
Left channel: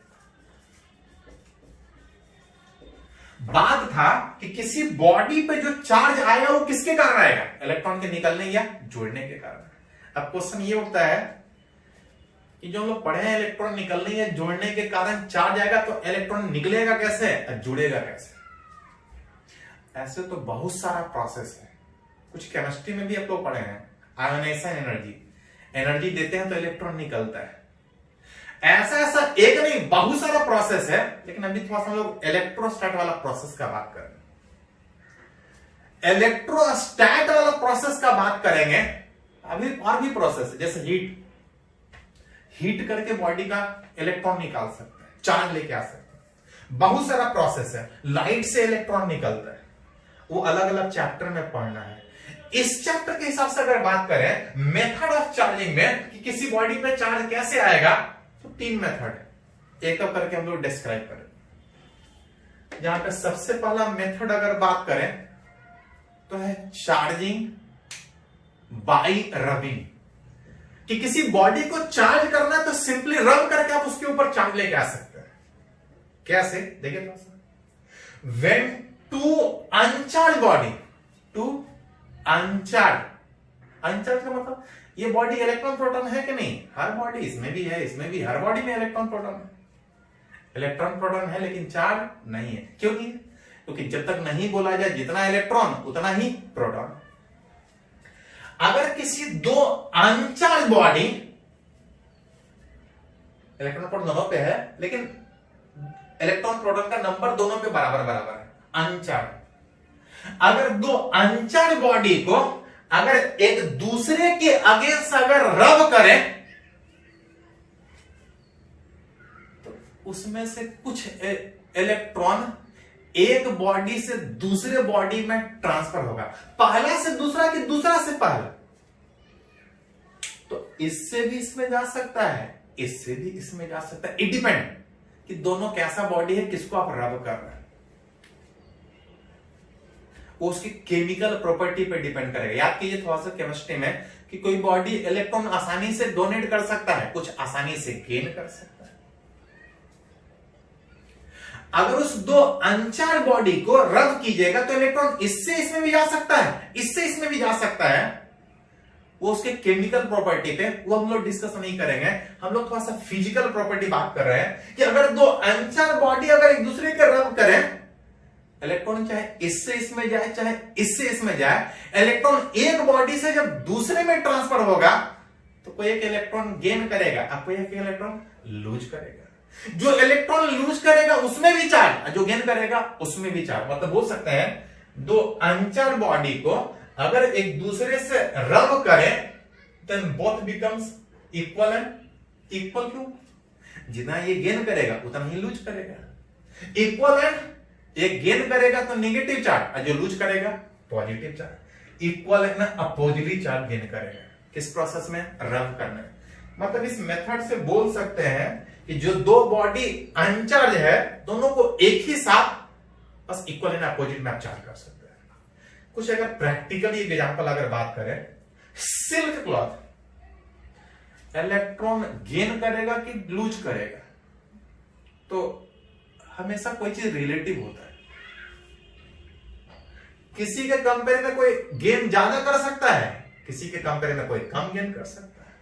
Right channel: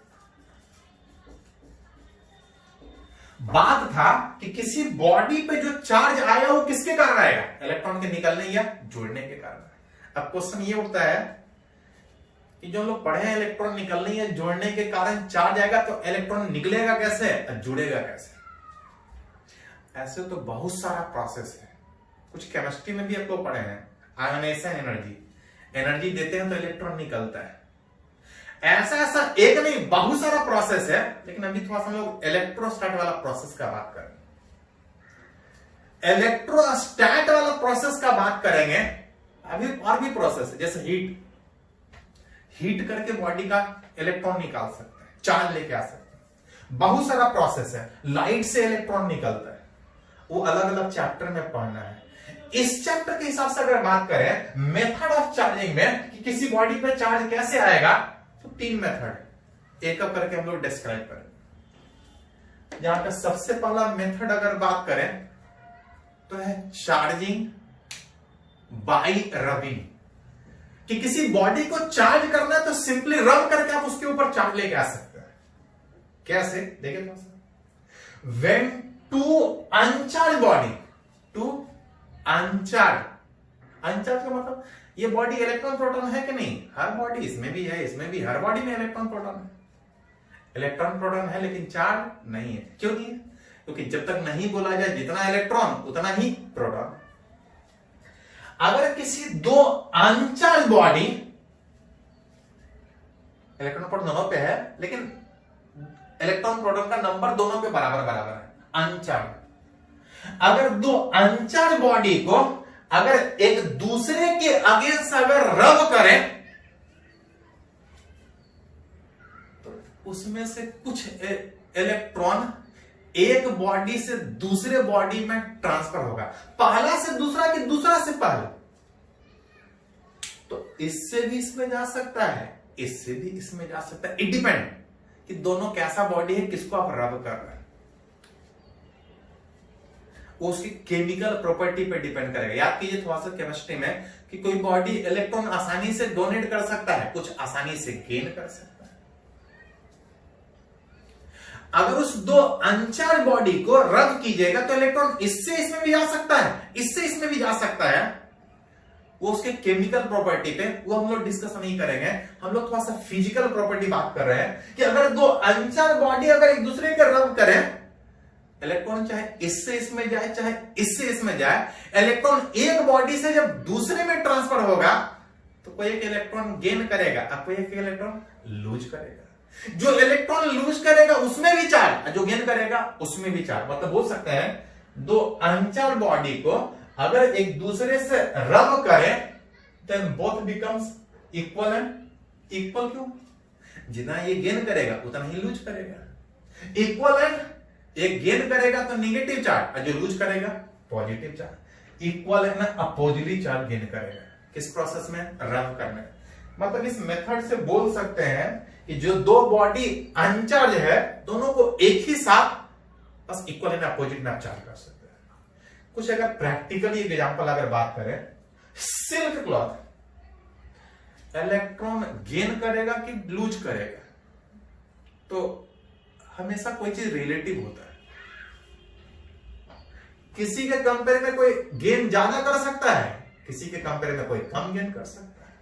बात था कि किसी बॉडी पे जो चार्ज आया वो किसके कारण आएगा, इलेक्ट्रॉन के निकलने या जुड़ने के कारण। अब क्वेश्चन ये उठता है कि जो हम लोग पढ़े हैं इलेक्ट्रॉन निकलने या जोड़ने के कारण चार्ज आएगा, तो इलेक्ट्रॉन निकलेगा कैसे और जुड़ेगा कैसे। ऐसे तो बहुत सारा प्रोसेस है, कुछ केमिस्ट्री में भी आप लोग पढ़े हैं, आयोनाइजेशन एनर्जी, एनर्जी देते हैं तो इलेक्ट्रॉन निकलता है। ऐसा ऐसा एक नहीं बहुत सारा प्रोसेस है, लेकिन अभी थोड़ा सा हम लोग इलेक्ट्रोस्टैट वाला प्रोसेस का बात करेंगे। इलेक्ट्रोस्टैट वाला प्रोसेस का बात करेंगे। अभी और भी प्रोसेस है, जैसे हीट करके बॉडी का इलेक्ट्रॉन निकाल सकते हैं, चार्ज लेके आ सकते हैं। बहुत सारा प्रोसेस है, लाइट से इलेक्ट्रॉन निकलता है, वो अलग अलग चैप्टर में पढ़ना है। इस चैप्टर के हिसाब से अगर बात करें मेथड ऑफ चार्जिंग में कि किसी बॉडी पे चार्ज कैसे आएगा, तो 3 मेथड है, एक एक करके हम लोग डिस्क्राइब करें। यहां पे सबसे पहला मेथड अगर बात करें तो है चार्जिंग बाय रबिंग, कि किसी बॉडी को चार्ज करना है तो सिंपली रब करके आप उसके ऊपर चार्ज लेके आ सकते हैं। कैसे देखिए थोड़ा सा, when two uncharged body, two uncharged, uncharged का मतलब ये बॉडी इलेक्ट्रॉन प्रोटॉन है कि नहीं, हर बॉडी, इसमें भी है, इसमें भी, हर बॉडी में इलेक्ट्रॉन प्रोटॉन है, इलेक्ट्रॉन प्रोटॉन है लेकिन चार्ज नहीं है। क्यों नहीं है, क्योंकि जब तक नहीं बोला जाए जितना इलेक्ट्रॉन उतना ही प्रोटॉन। अगर किसी दो अनचार्ज बॉडी, इलेक्ट्रॉन प्रोटॉन दोनों पे है लेकिन इलेक्ट्रॉन प्रोटॉन का नंबर दोनों पे बराबर बराबर है, अनचार्ज। अगर दो अनचार्ज बॉडी को अगर एक दूसरे के अगेंस्ट अगर रब करें तो उसमें से कुछ इलेक्ट्रॉन एक बॉडी से दूसरे बॉडी में ट्रांसफर होगा, पहला से दूसरा कि दूसरा से पहला। तो इससे भी इसमें जा सकता है, इससे भी इसमें जा सकता है, इट डिपेंड कि दोनों कैसा बॉडी है, किसको आप रब कर रहे हैं, वो उसकी केमिकल प्रॉपर्टी पे डिपेंड करेगा। याद कीजिए थोड़ा सा केमिस्ट्री में कि कोई बॉडी इलेक्ट्रॉन आसानी से डोनेट कर सकता है, कुछ आसानी से गेन कर सकता है। अगर उस दो अनचार्ज बॉडी को रब कीजिएगा तो इलेक्ट्रॉन इससे इसमें भी जा सकता है, इससे इसमें भी जा सकता है, वो उसके केमिकल प्रॉपर्टी पे, वो हम लोग डिस्कस नहीं करेंगे। हम लोग थोड़ा सा फिजिकल प्रॉपर्टी बात कर रहे हैं कि अगर दो अनचार्ज बॉडी अगर एक दूसरे के रब करें, इलेक्ट्रॉन चाहे इससे इसमें जाए चाहे इससे इसमें जाए, इलेक्ट्रॉन एक बॉडी से जब दूसरे में ट्रांसफर होगा तो कोई एक इलेक्ट्रॉन गेन करेगा और कोई एक इलेक्ट्रॉन लूज करेगा। जो इलेक्ट्रॉन लूज करेगा उसमें भी चार्ज, जो गेन करेगा उसमें भी चार्ज। मतलब बोल सकते हैं दो अनचार्ज बॉडी को अगर एक दूसरे से रब करें then both becomes equal and equal. क्यों? जितना ये गेन करेगा उतना ही लूज करेगा। इक्वल एंड एक गेन करेगा तो नेगेटिव चार्ज और जो लूज करेगा positive charge. Equal and opposite charge gain करेगा। किस प्रोसेस में? रब करने। मतलब इस मेथड से बोल सकते हैं कि जो दो बॉडी अनचार्ज है दोनों को एक ही साथ बस इक्वल एंड अपोजिट में आप चार्ज कर सकते हैं। कुछ अगर प्रैक्टिकली एग्जांपल अगर बात करें, सिल्क क्लॉथ इलेक्ट्रॉन गेन करेगा कि लूज करेगा? तो हमेशा कोई चीज रिलेटिव होता है। किसी के कंपेयर में कोई गेन ज्यादा कर सकता है, किसी के कंपेयर में कोई कम गेन कर सकता है।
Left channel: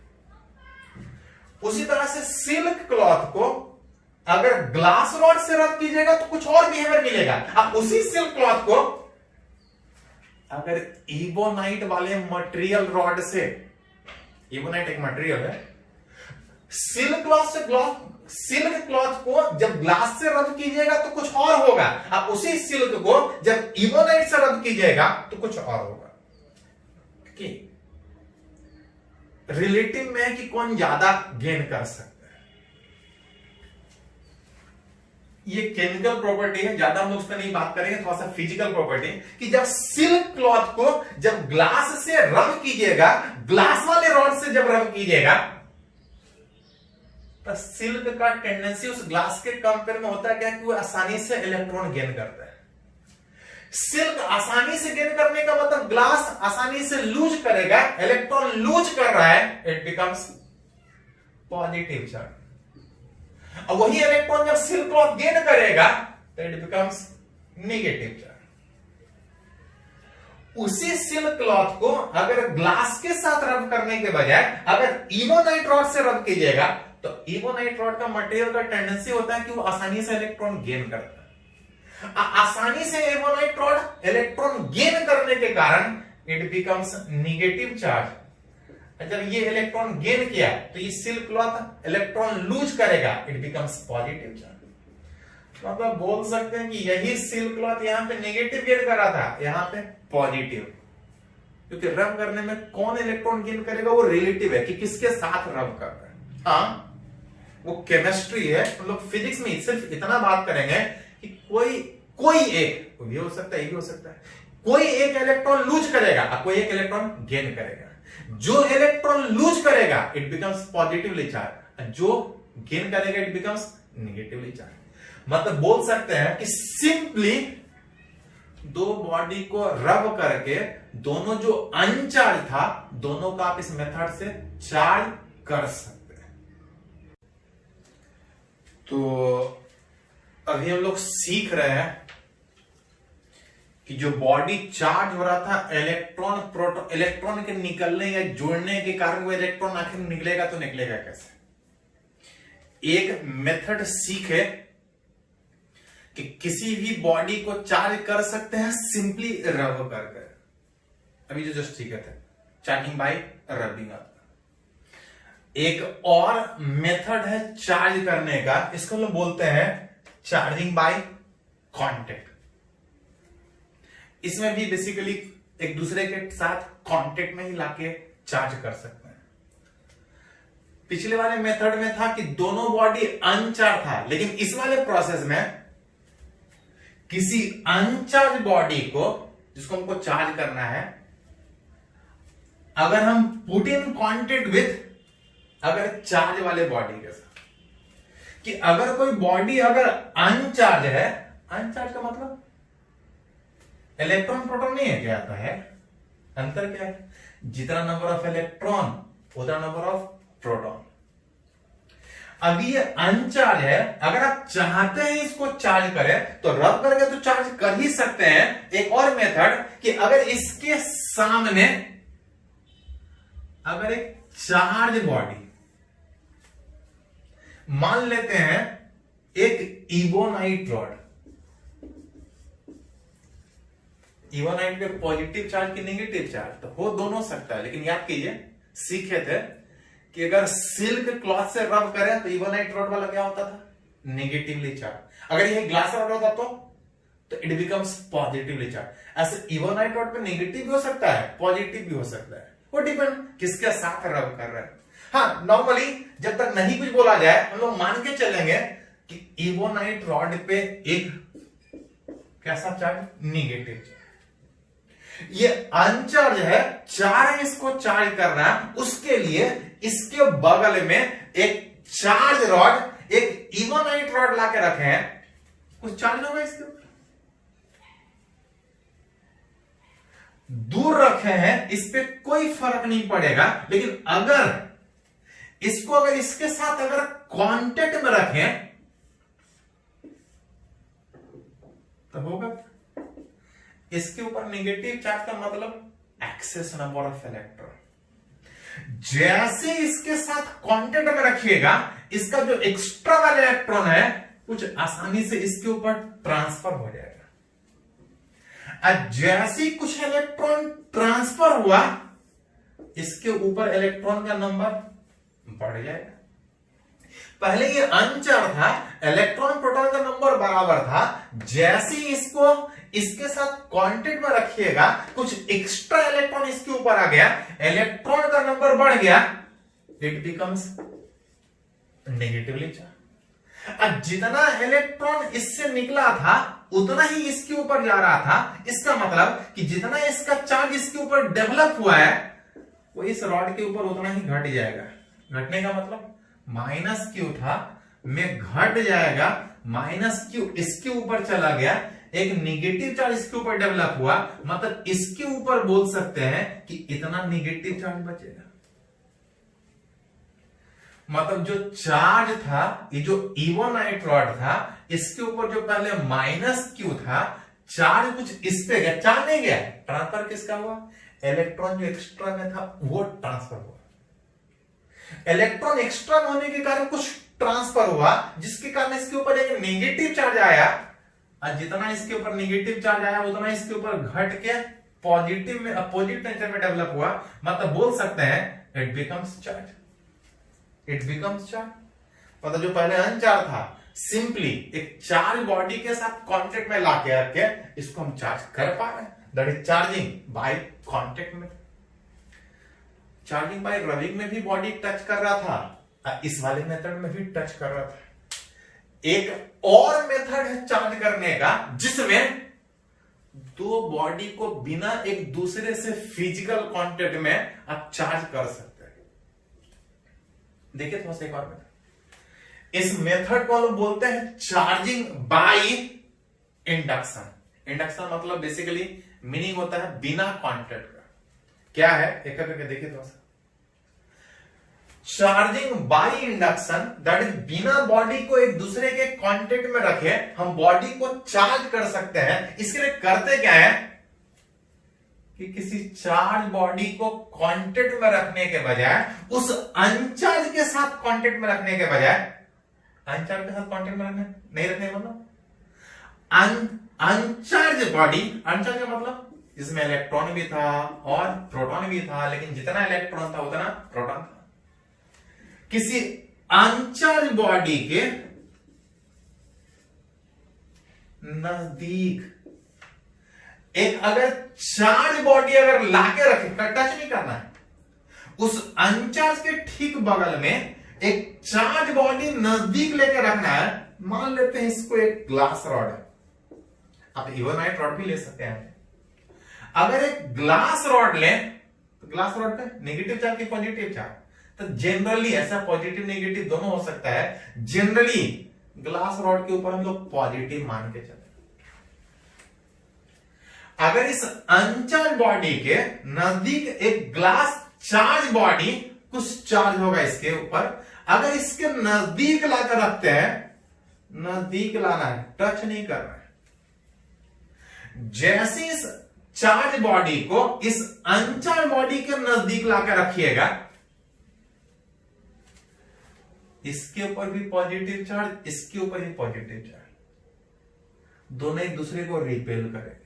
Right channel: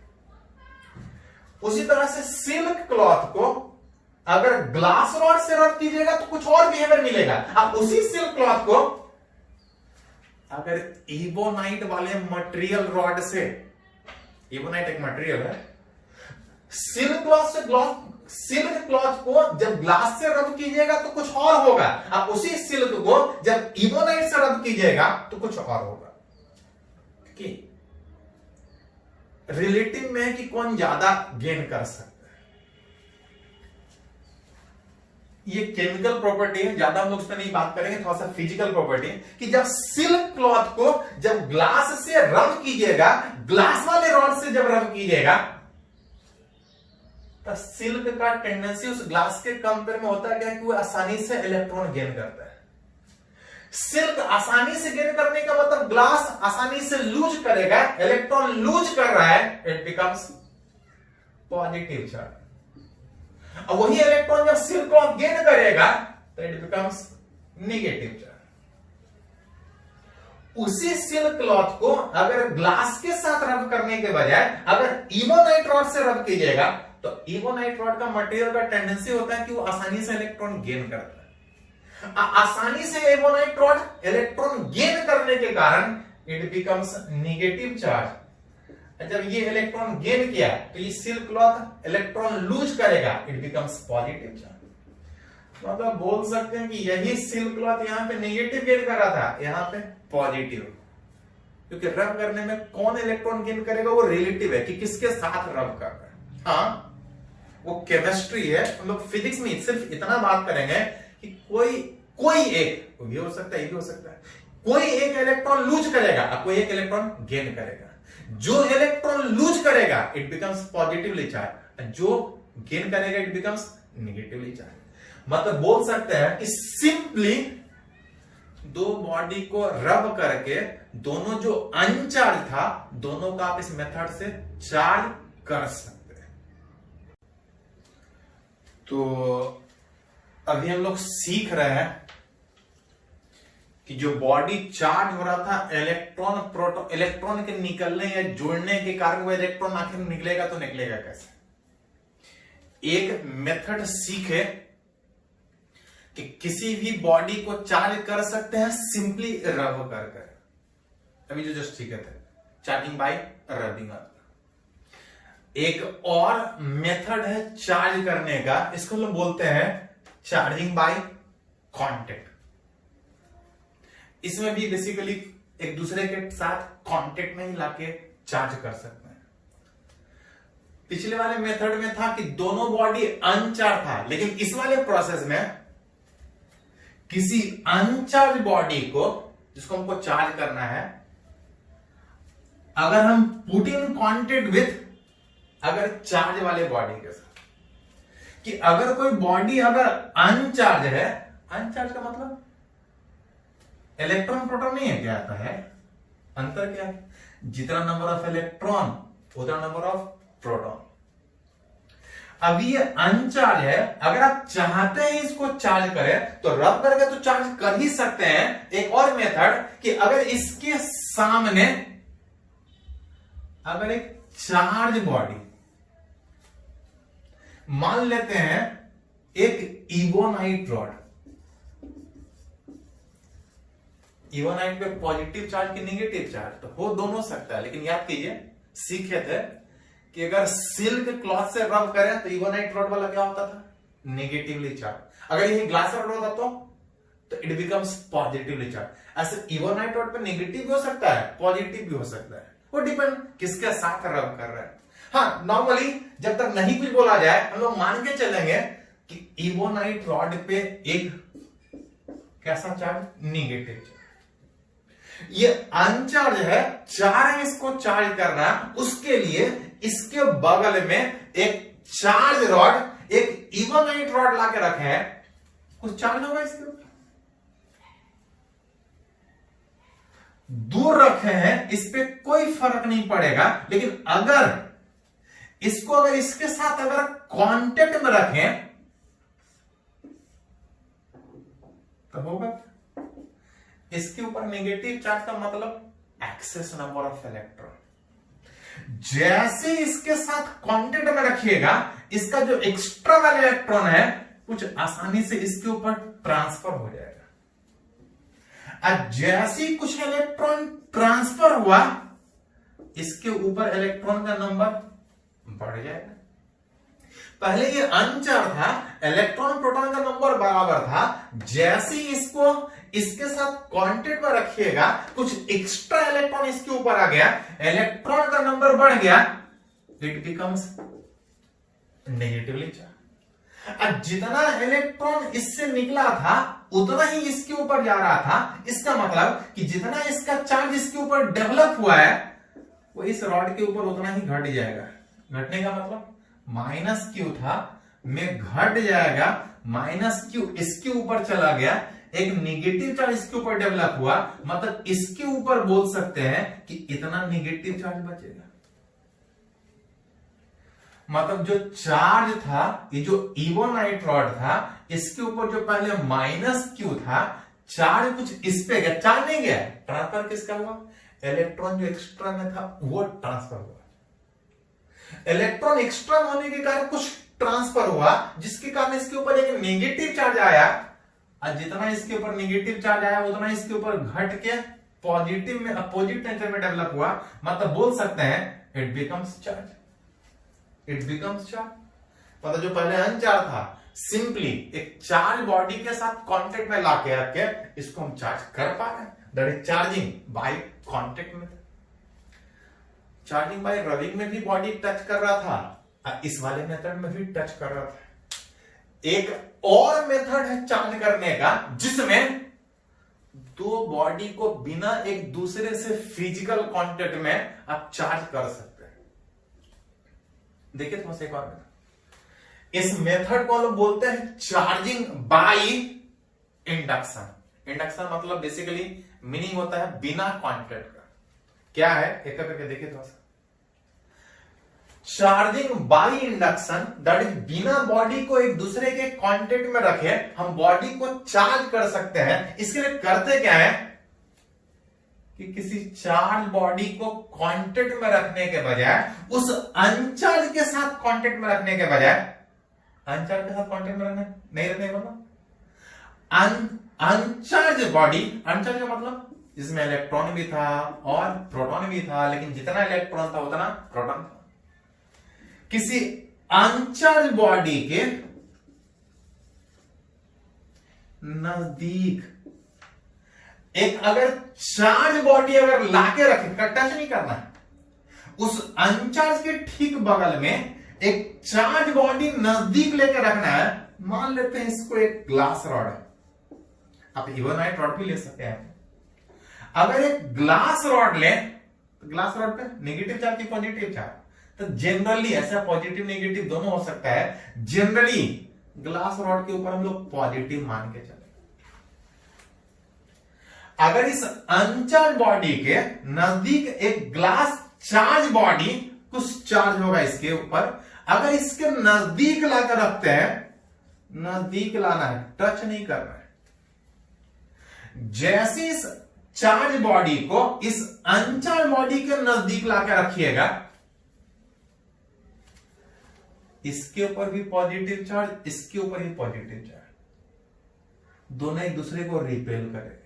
उसी तरह से सिल्क क्लॉथ को अगर ग्लास रॉड से रब कीजिएगा तो कुछ और बिहेवियर मिलेगा। अब उसी सिल्क क्लॉथ को अगर इबोनाइट वाले मटेरियल रॉड से, इबोनाइट एक मटेरियल है, सिल्क क्लॉथ को जब ग्लास से रब कीजिएगा तो कुछ और होगा। अब उसी सिल्क को जब इबोनाइट से रब कीजिएगा तो कुछ और होगा। कि रिलेटिव में है कि कौन ज्यादा गेन कर सकता है। ये केमिकल प्रॉपर्टी है, ज्यादा हम लोग उस पर नहीं बात करेंगे, थोड़ा सा फिजिकल प्रॉपर्टी कि जब सिल्क क्लॉथ को जब ग्लास से रब कीजिएगा, ग्लास वाले रॉड से जब रब कीजिएगा तो सिल्क का टेंडेंसी उस ग्लास के कंपेयर में होता है क्या कि वो आसानी से इलेक्ट्रॉन गेन करता है। सिल्क आसानी से गेन करने का मतलब ग्लास आसानी से लूज करेगा, इलेक्ट्रॉन लूज कर रहा है, इट बिकम्स पॉजिटिव चार्ज। और वही इलेक्ट्रॉन जब सिल्क क्लॉथ गेन करेगा तो इट बिकम्स नेगेटिव चार्ज। उसी सिल्क क्लॉथ को अगर ग्लास के साथ रब करने के बजाय अगर इबोनाइट रॉड से रब कीजिएगा तो इबोनाइट रॉड का मटेरियल का टेंडेंसी होता है कि वो आसानी से इलेक्ट्रॉन गेन करता है। आसानी से इबोनाइट रॉड इलेक्ट्रॉन गेन करने के कारण इट बिकम्स नेगेटिव चार्ज। जब ये इलेक्ट्रॉन गेन किया तो ये सिल्क क्लॉथ इलेक्ट्रॉन लूज करेगा, इट बिकम्स पॉजिटिव चार्ज। मतलब बोल सकते हैं कि यही सिल्क क्लॉथ यहां पे नेगेटिव गेन कर रहा था, यहां पे पॉजिटिव। क्योंकि रब करने में कौन इलेक्ट्रॉन गेन करेगा वो रिलेटिव है कि किसके साथ रब कर रहा है। हाँ, वो केमिस्ट्री है। हम लोग फिजिक्स में सिर्फ इतना बात करेंगे कि कोई एक भी हो सकता है, ये भी हो सकता है, कोई एक इलेक्ट्रॉन लूज करेगा और कोई एक इलेक्ट्रॉन गेन करेगा। जो इलेक्ट्रॉन लूज करेगा इट बिकम्स पॉजिटिवली चार्ज, जो गेन करेगा इट बिकम्स नेगेटिवली चार्ज। मतलब बोल सकते हैं कि सिंपली दो बॉडी को रब करके दोनों जो अनचार्ज था दोनों का आप इस मेथड से चार्ज कर सकते हैं। तो अभी हम लोग सीख रहे हैं कि जो बॉडी चार्ज हो रहा था इलेक्ट्रॉन के निकलने या जुड़ने के कारण वो इलेक्ट्रॉन आखिर निकलेगा तो निकलेगा कैसे। एक मेथड सीखे कि किसी भी बॉडी को चार्ज कर सकते हैं सिंपली रब कर। अभी जो जस्ट सीखे थे चार्जिंग बाय रबिंग। एक और मेथड है चार्ज करने का, इसको लोग बोलते हैं चार्जिंग बाय कांटेक्ट। इसमें भी बेसिकली एक दूसरे के साथ कांटेक्ट में ही लाके चार्ज कर सकते हैं। पिछले वाले मेथड में था कि दोनों बॉडी अनचार्ज था, लेकिन इस वाले प्रोसेस में किसी अनचार्ज बॉडी को जिसको हमको चार्ज करना है, अगर हम पुट इन कांटेक्ट विथ अगर चार्ज वाले बॉडी के साथ, कि अगर कोई बॉडी अगर अनचार्ज है, अनचार्ज का मतलब इलेक्ट्रॉन प्रोटॉन नहीं है, क्या आता है अंतर क्या है, जितना नंबर ऑफ इलेक्ट्रॉन उतना नंबर ऑफ प्रोटॉन। अभी ये अनचार्ज है, अगर आप चाहते हैं इसको चार्ज करें तो रब करके तो चार्ज कर ही सकते हैं। एक और मेथड कि अगर इसके सामने अगर एक चार्ज बॉडी मान लेते हैं एक इबोनाइट रॉड, इबोनाइट पे पॉजिटिव चार्ज की नेगेटिव चार्ज तो हो दोनों सकता है, लेकिन याद कीजिए सीखे थे कि अगर सिल्क क्लॉथ से रब करें तो इवोनाइट रॉड वाला क्या होता था, नेगेटिवली चार्ज। अगर ये ग्लास रॉड होता तो इट बिकम्स पॉजिटिवली चार्ज। ऐसे इवोनाइट रॉड पे नेगेटिव भी हो सकता है, पॉजिटिव भी हो सकता है, वो डिपेंड किसके साथ रब कर रहे हैं। हाँ, नॉर्मली जब तक नहीं कुछ बोला जाए हम लोग मान के चलेंगे कि इवोनाइट रॉड पे एक कैसा चार्ज, नेगेटिव चार्ज। ये अनचार्ज है, चार इसको चार्ज करना, उसके लिए इसके बगल में एक चार्ज रॉड, एक इवोनाइट रॉड लाके रखे हैं, कुछ चार्ज होगा इसके ऊपर, दूर रखे हैं, इस पे कोई फर्क नहीं पड़ेगा। लेकिन अगर इसको अगर इसके साथ अगर कांटेक्ट में रखें तो होगा इसके ऊपर नेगेटिव चार्ज का मतलब एक्सेस नंबर ऑफ इलेक्ट्रॉन। जैसे इसके साथ कांटेक्ट में रखिएगा, इसका जो एक्स्ट्रा वाला इलेक्ट्रॉन है कुछ आसानी से इसके ऊपर ट्रांसफर हो जाएगा। जैसे ही कुछ इलेक्ट्रॉन ट्रांसफर हुआ, इसके ऊपर इलेक्ट्रॉन का नंबर बढ़ जाएगा। पहले ये अनचार्ज था, इलेक्ट्रॉन प्रोटॉन का नंबर बराबर था। जैसे ही इसको इसके साथ कांटेक्ट में रखिएगा, कुछ एक्स्ट्रा इलेक्ट्रॉन इसके ऊपर आ गया, इलेक्ट्रॉन का नंबर बढ़ गया, इट बिकम्स नेगेटिवली चार्ज। जितना इलेक्ट्रॉन इससे निकला था उतना ही इसके ऊपर जा रहा था। इसका मतलब कि जितना इसका चार्ज इसके ऊपर डेवलप हुआ है, वो इस रॉड के ऊपर उतना ही घट जाएगा। घटने का मतलब माइनस क्यू था, में घट जाएगा, माइनस क्यू इसके ऊपर चला गया, एक नेगेटिव चार्ज इसके ऊपर डेवलप हुआ, मतलब इसके ऊपर बोल सकते हैं कि इतना नेगेटिव चार्ज बचेगा। मतलब जो चार्ज था, ये जो इवोनाइट रॉड था, इसके ऊपर जो पहले माइनस क्यू था, चार्ज कुछ इस पे गया, चार्ज नहीं गया, ट्रांसफर किसका हुआ, इलेक्ट्रॉन जो एक्स्ट्रा में था वो ट्रांसफर हुआ। इलेक्ट्रॉन एक्स्ट्रा होने के कारण कुछ ट्रांसफर हुआ, जिसके कारण इसके ऊपर एक नेगेटिव चार्ज आया, और जितना इसके ऊपर नेगेटिव चार्ज आया उतना इसके ऊपर घट के पॉजिटिव में, अपोजिट नेचर में डेवलप हुआ। मतलब बोल सकते हैं it becomes charge, it becomes charge. पता जो पहले अनचार्ज था, सिंपली एक चार्ज बॉडी के साथ कांटेक्ट में लाके रख के इसको हम चार्ज कर पा रहे हैं, that is charging by contact में। चार्जिंग बाय रबिंग में भी बॉडी टच कर रहा था, इस वाले मेथड में भी टच कर रहा था। एक और मेथड है चार्ज करने का, जिसमें दो बॉडी को बिना एक दूसरे से फिजिकल कांटेक्ट में आप चार्ज कर सकते हैं। देखिए थोड़ा सा एक और मेथड, इस मेथड को लोग बोलते हैं चार्जिंग बाय इंडक्शन। इंडक्शन मतलब बेसिकली मीनिंग होता है बिना कांटेक्ट का। क्या है एक करके देखिए थोड़ा सा। Charging by induction, that is बिना बॉडी को एक दूसरे के कांटेक्ट में रखे हम बॉडी को चार्ज कर सकते हैं। इसके लिए करते क्या है कि किसी चार्ज बॉडी को कांटेक्ट में रखने के बजाय, उस अनचार्ज के साथ कांटेक्ट में रखने के बजाय, अनचार्ज के साथ कांटेक्ट में रखने नहीं रखने मतलब अनचार्ज बॉडी, अनचार्ज का मतलब इसमें इलेक्ट्रॉन भी था और प्रोटॉन भी था, लेकिन जितना इलेक्ट्रॉन था उतना प्रोटॉन था। किसी अनचार्ज बॉडी के नजदीक एक अगर चार्ज बॉडी अगर लाके रखे, टच नहीं करना है, उस अनचार्ज के ठीक बगल में एक चार्ज बॉडी नजदीक लेके रखना है। मान लेते हैं इसको एक ग्लास रॉड है, आप इवोनाइट रॉड भी ले सकते हैं। अगर एक ग्लास रॉड लें तो ग्लास रॉड पे नेगेटिव चार्ज की पॉजिटिव चार्ज, तो जनरली ऐसा पॉजिटिव नेगेटिव दोनों हो सकता है। जनरली ग्लास रॉड के ऊपर हम लोग पॉजिटिव मान के चले। अगर इस अनचार्ज बॉडी के नजदीक एक ग्लास चार्ज बॉडी, कुछ चार्ज होगा इसके ऊपर, अगर इसके नजदीक लाकर रखते हैं, नजदीक लाना है, टच नहीं करना है। जैसे इस चार्ज बॉडी को इस अनचार्ज बॉडी के नजदीक लाकर रखिएगा, इसके ऊपर भी पॉजिटिव चार्ज, इसके ऊपर भी पॉजिटिव चार्ज, दोनों एक दूसरे को रिपेल करेगा।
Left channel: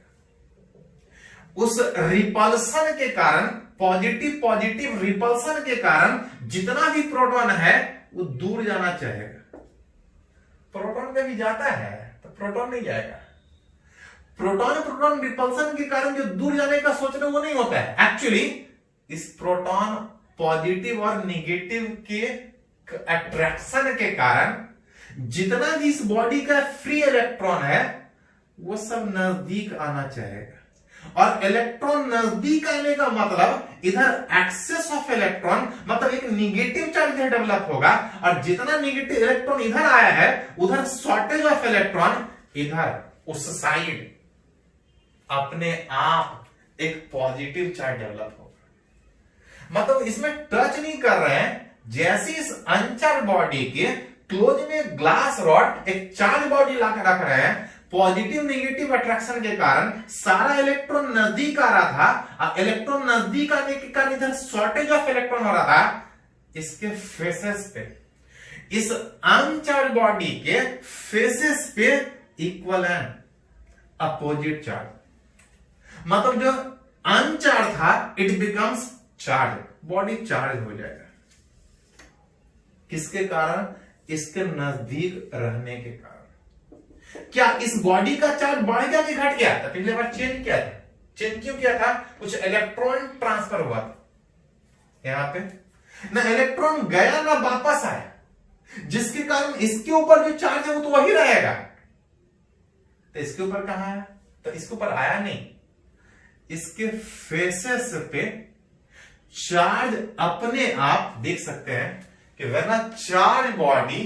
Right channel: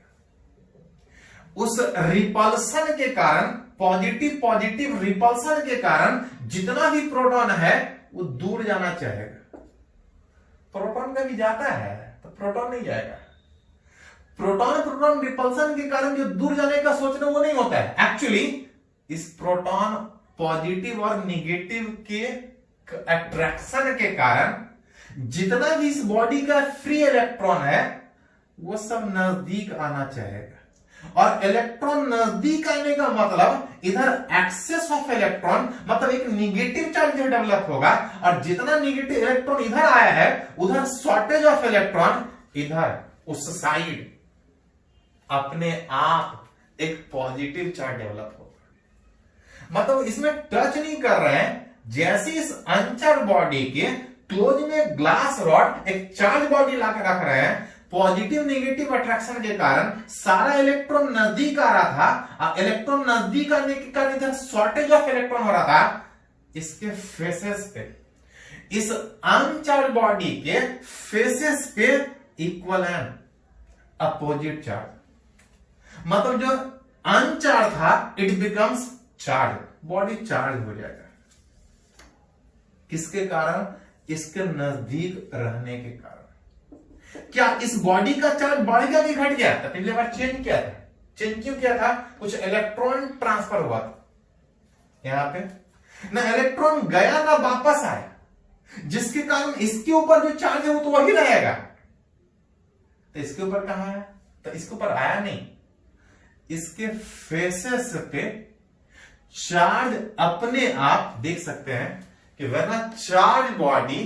उस रिपल्सन के कारण, पॉजिटिव पॉजिटिव रिपल्सन के कारण जितना भी प्रोटॉन है वो दूर जाना चाहेगा। प्रोटॉन कभी जाता है तो प्रोटॉन नहीं जाएगा। प्रोटॉन प्रोटॉन रिपल्सन के कारण जो दूर जाने का सोच रहे वो नहीं होता है। एक्चुअली इस प्रोटॉन पॉजिटिव और नेगेटिव के अट्रैक्शन के कारण जितना भी इस बॉडी का फ्री इलेक्ट्रॉन है वो सब नजदीक आना चाहेगा। और इलेक्ट्रॉन नजदीक आने का मतलब इधर एक्सेस ऑफ इलेक्ट्रॉन, मतलब एक नेगेटिव चार्ज डेवलप होगा, और जितना नेगेटिव इलेक्ट्रॉन इधर आया है उधर शॉर्टेज ऑफ इलेक्ट्रॉन इधर उस साइड अपने आप एक पॉजिटिव चार्ज डेवलप होगा। मतलब इसमें टच नहीं कर रहे हैं। जैसे इस अनचार्ज बॉडी के क्लोज में ग्लास रॉड एक चार्ज बॉडी लाकर रख रहे हैं, पॉजिटिव नेगेटिव अट्रैक्शन के कारण सारा इलेक्ट्रॉन नजदीक आ रहा था। इलेक्ट्रॉन नजदीक आने के कारण इधर शॉर्टेज ऑफ इलेक्ट्रॉन हो रहा था। इसके फेसेस पे, इस अनचार्ज बॉडी के फेसेस पे इक्वल एंड अपोजिट चार्ज, मतलब जो अनचार्ज था it becomes charge, body charge हो जाएगा। किसके कारण? इसके नजदीक रहने के कारण। क्या इस बॉडी का चार्ज बढ़ गया कि घट गया था? पिछले बार चेंज किया था। चेंज क्यों किया था? कुछ इलेक्ट्रॉन ट्रांसफर हुआ था यहां पे, ना इलेक्ट्रॉन गया ना वापस आया, जिसके कारण इसके ऊपर जो चार्ज है वो तो वही रहेगा। तो इसके ऊपर कहां आया? तो इसके ऊपर आया नहीं, इसके फेसेस पे चार्ज अपने आप देख सकते हैं कि when a charge body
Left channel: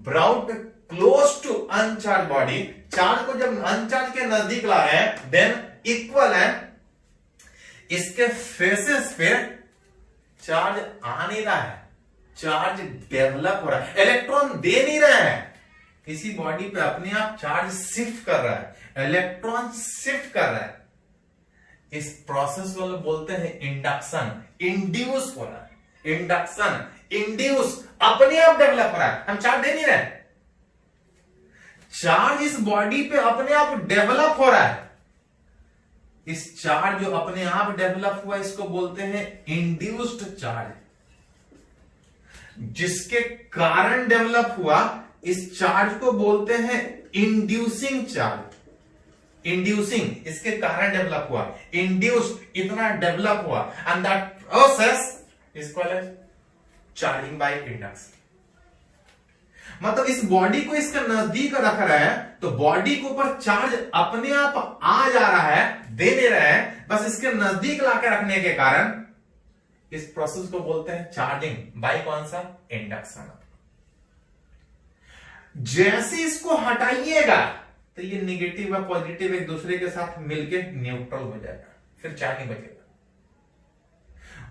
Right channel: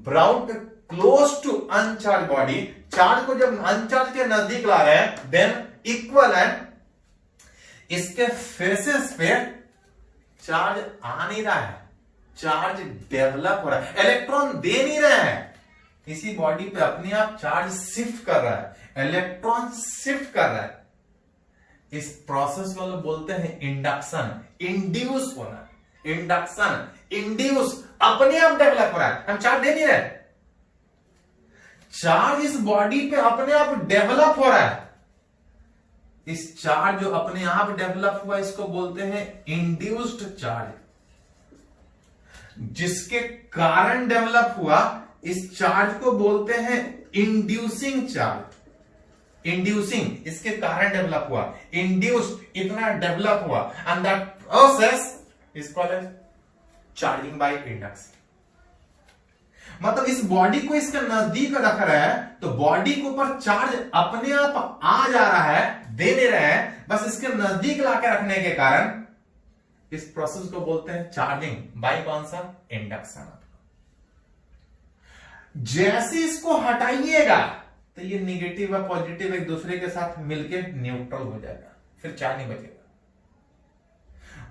brought close to uncharged body, charge को जब अनचार्ज के नजदीक ला रहे हैं देन इक्वल है, इसके फेसेस पे चार्ज आ नहीं रहा है, चार्ज डेवलप हो रहा है, इलेक्ट्रॉन दे नहीं रहे हैं। किसी बॉडी पे अपने आप चार्ज शिफ्ट कर रहा है, इलेक्ट्रॉन शिफ्ट कर रहा है। इस प्रोसेस को बोलते हैं इंडक्शन, इंड्यूस होना। इंडक्शन, इंड्यूस, अपने आप डेवलप हो रहा है, हम चार्ज दे नहीं रहे, चार्ज इस बॉडी पे अपने आप डेवलप हो रहा है। इस चार्ज जो अपने आप डेवलप हुआ इसको बोलते हैं इंड्यूस्ड चार्ज। जिसके कारण डेवलप हुआ इस चार्ज को बोलते हैं इंड्यूसिंग चार्ज। इंड्यूसिंग, इसके कारण डेवलप हुआ, इंड्यूस्ड, इतना डेवलप हुआ, and that process is called as charging by induction. मतलब इस बॉडी को इसके नजदीक रख रहा है तो बॉडी के ऊपर चार्ज अपने आप आ जा रहा है, दे नहीं रहा है, बस इसके नजदीक लाकर रखने के कारण इस प्रोसेस को बोलते हैं चार्जिंग बाय कौन सा? इंडक्शन। जैसे इसको हटाइएगा तो ये नेगेटिव और पॉजिटिव एक दूसरे के साथ मिलकर न्यूट्रल हो जाएगा, फिर चार्ज नहीं बचेगा।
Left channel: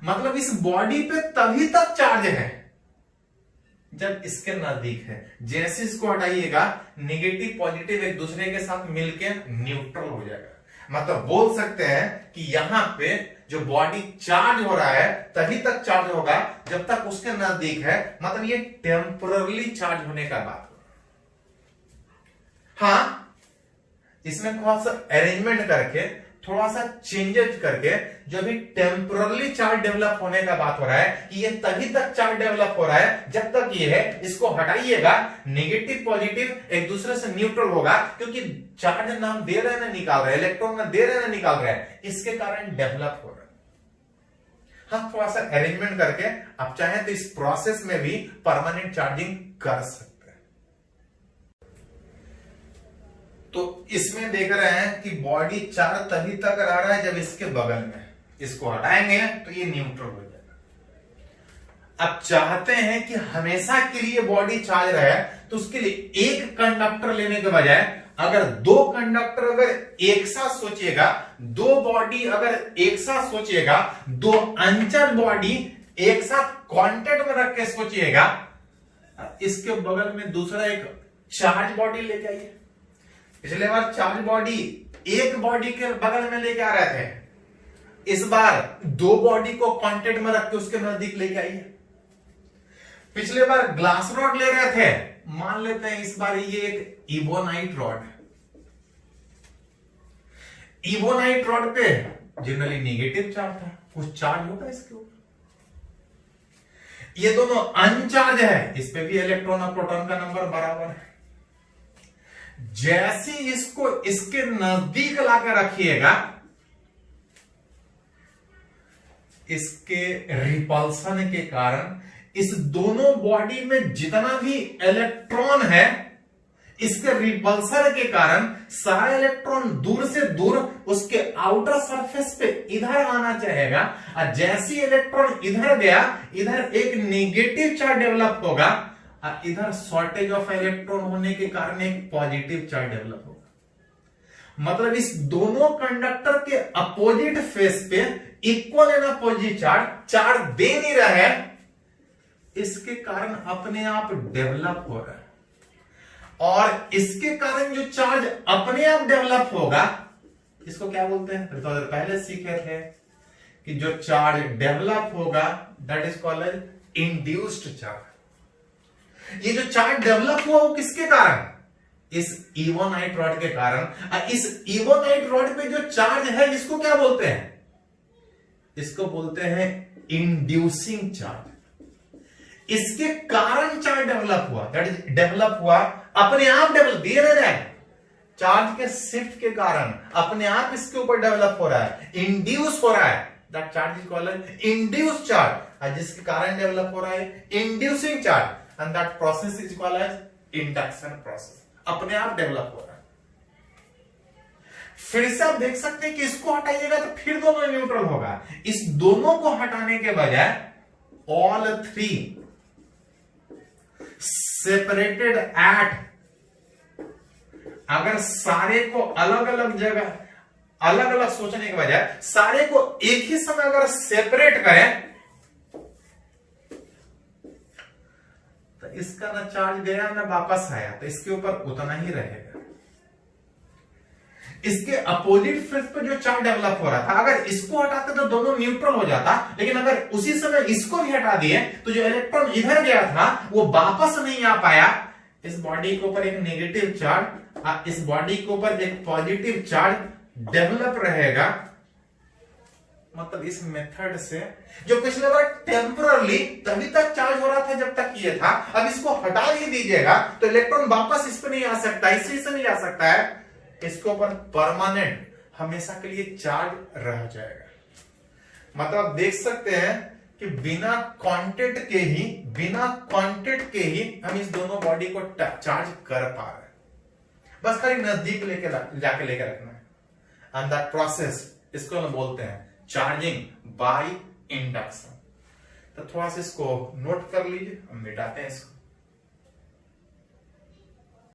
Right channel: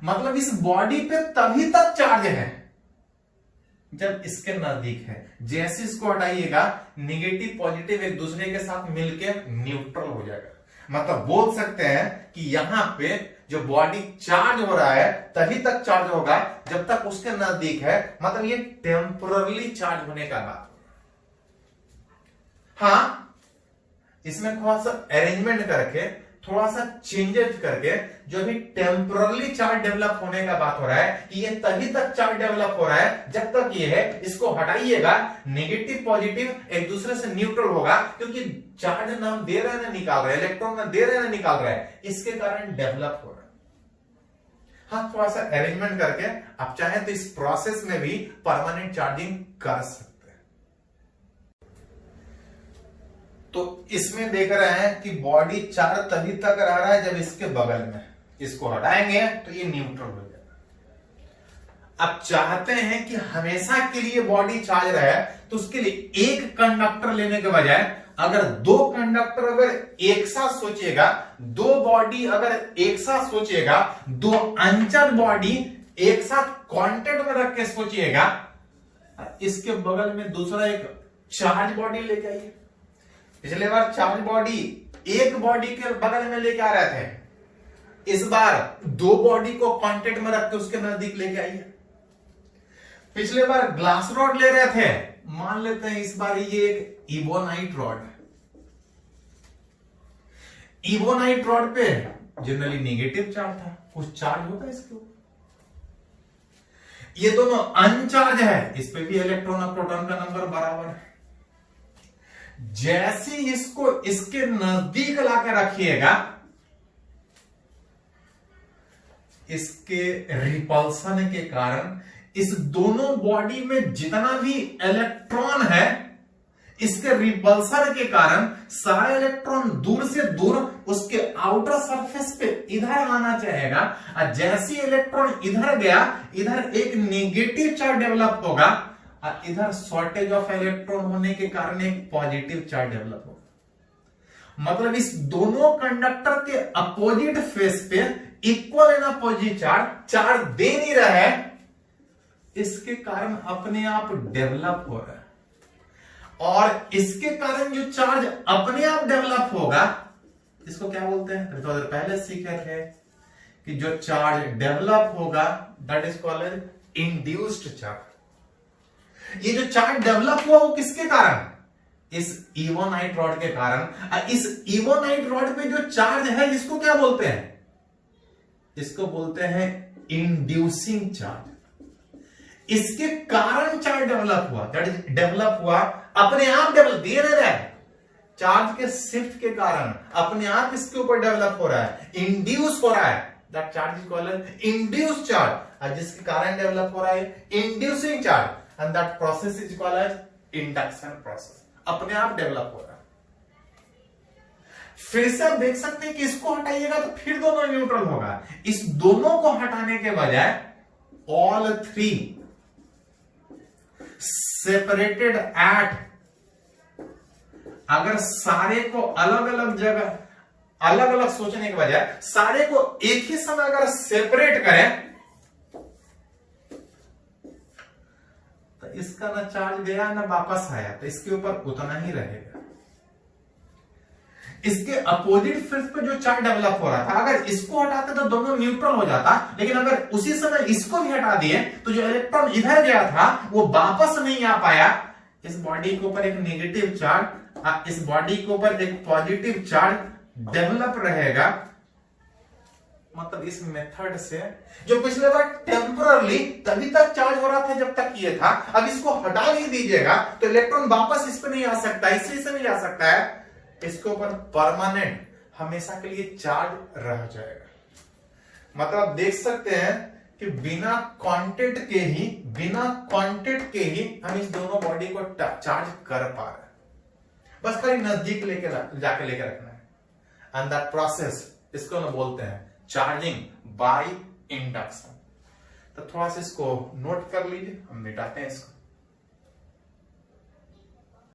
मतलब इस बॉडी पे तभी तक चार्ज है जब इसके नजदीक है। जैसे इसको हटाइएगा नेगेटिव पॉजिटिव एक दूसरे के साथ मिलकर न्यूट्रल हो जाएगा। मतलब बोल सकते हैं कि यहां पे जो बॉडी चार्ज हो रहा है तभी तक चार्ज होगा जब तक उसके नजदीक है। मतलब ये टेम्पररी चार्ज होने का बात। हाँ, इसमें थोड़ा सा अरेंजमेंट करके, थोड़ा सा चेंजेस करके, जो भी टेम्पररी चार्ज डेवलप होने का बात हो रहा है कि ये तभी तक चार्ज डेवलप हो रहा है जब तक ये है, इसको हटाइएगा नेगेटिव पॉजिटिव एक दूसरे से न्यूट्रल होगा, क्योंकि चार्ज ना हम दे रहे हैं ना निकाल रहे हैं, इलेक्ट्रॉन ना दे रहे हैं ना निकाल रहे हैं, इसके कारण डेवलप हो रहा है। हाँ, थोड़ा सा अरेंजमेंट करके आप चाहें तो इस प्रोसेस में भी परमानेंट चार्जिंग कर सकते हैं। तो इसमें देख रहे हैं कि बॉडी चार्ज तभी तक रह रहा है जब इसके बगल में, इसको हटाएंगे तो ये न्यूट्रल हो जाएगा। अब चाहते हैं कि हमेशा के लिए बॉडी चार्ज रहे तो उसके लिए एक कंडक्टर लेने के बजाय अगर दो कंडक्टर अगर एक साथ सोचिएगा, दो बॉडी अगर एक साथ सोचिएगा, दो अनचार्ज बॉडी एक साथ कांटेक्ट में रख के सोचिएगा, इसके बगल में दूसरा एक चार्ज बॉडी लेके आइए। पिछले बार चार्ज बॉडी एक बॉडी के बगल में लेके आ रहे थे, इस बार दो बॉडी को कांटेक्ट में रख के उसके नजदीक लेके आइए। पिछले बार ग्लास रॉड ले रहे थे, मान लेते हैं इस बार ये एक इबोनाइट रॉड है। इबोनाइट रॉड पे जनरली नेगेटिव चार्ज था, कुछ चार्ज होगा इसके ऊपर। ये दोनों अनचार्ज है, इस पे भी इलेक्ट्रॉन और प्रोटॉन का नंबर बराबर है। जैसे इसको इसके नजदीक लाकर रखिएगा, इसके रिपल्सन के कारण इस दोनों बॉडी में जितना भी इलेक्ट्रॉन है, इसके रिपल्सन के कारण सारा इलेक्ट्रॉन दूर से दूर उसके आउटर सरफेस पे इधर आना चाहेगा, और जैसे इलेक्ट्रॉन इधर गया, इधर एक नेगेटिव चार्ज डेवलप होगा, और इधर शॉर्टेज ऑफ इलेक्ट्रॉन होने के कारण एक पॉजिटिव चार्ज डेवलप होगा। मतलब इस दोनों कंडक्टर के अपोजिट फेस पे इक्वल एंड अपोजिट चार्ज दे नहीं रहा है, इसके कारण अपने आप डेवलप हो रहा है। और इसके कारण जो चार्ज अपने आप डेवलप होगा, इसको क्या बोलते हैं, तो पहले सीखे थे कि जो चार्ज डेवलप होगा that is called as induced charge. ये जो चार्ज डेवलप हुआ वो किसके कारण, इस इवोनाइट रॉड के कारण। इस इवोनाइट रॉड पे जो चार्ज है इसको क्या बोलते हैं, इसको बोलते हैं इंड्यूसिंग चार्ज। इसके कारण चार्ज डेवलप हुआ, दैट इज डेवलप हुआ, अपने आप डेवलप दे रहा है, चार्ज के शिफ्ट के कारण अपने आप इसके ऊपर डेवलप हो रहा है, इंड्यूस हो रहा है, that charge is called induced charge. जिसके कारण डेवलप हो रहा है inducing charge, and that process is called as induction process, अपने आप डेवलप हो रहा है। फिर से आप देख सकते हैं कि इसको हटाइएगा तो फिर दोनों न्यूट्रल होगा। इस दोनों को हटाने के बजाय ऑल थ्री सेपरेटेड एट, अगर सारे को अलग अलग जगह अलग अलग सोचने के बजाय सारे को एक ही समय अगर सेपरेट करें तो इसका ना चार्ज गया ना वापस आया, तो इसके ऊपर उतना ही रहेगा। इसके अपोजिट फेस पे जो चार्ज डेवलप हो रहा था, अगर इसको हटाते तो दोनों न्यूट्रल हो जाता, लेकिन अगर उसी समय इसको भी हटा दिए तो जो इलेक्ट्रॉन इधर गया था वो वापस नहीं आ पाया। इस बॉडी के ऊपर एक नेगेटिव चार्ज, इस बॉडी के ऊपर एक पॉजिटिव चार्ज डेवलप रहेगा। मतलब इस मेथड से जो पिछले बार टेम्परली तभी तक चार्ज हो रहा था जब तक ये था, अब इसको हटा नहीं दीजिएगा तो इलेक्ट्रॉन वापस इस पे नहीं आ सकता, इससे नहीं आ सकता है, इसके ऊपर परमानेंट हमेशा के लिए चार्ज रह जाएगा। मतलब देख सकते हैं कि बिना कांटेक्ट के ही हम इस दोनों बॉडी को चार्ज कर पा रहे हैं, बस खाली नजदीक जाके लेकर रखना है। एंड दैट प्रोसेस इसको हम बोलते हैं चार्जिंग बाय इंडक्शन। तो थोड़ा सा इसको नोट कर लीजिए, हम मिटाते हैं इसको।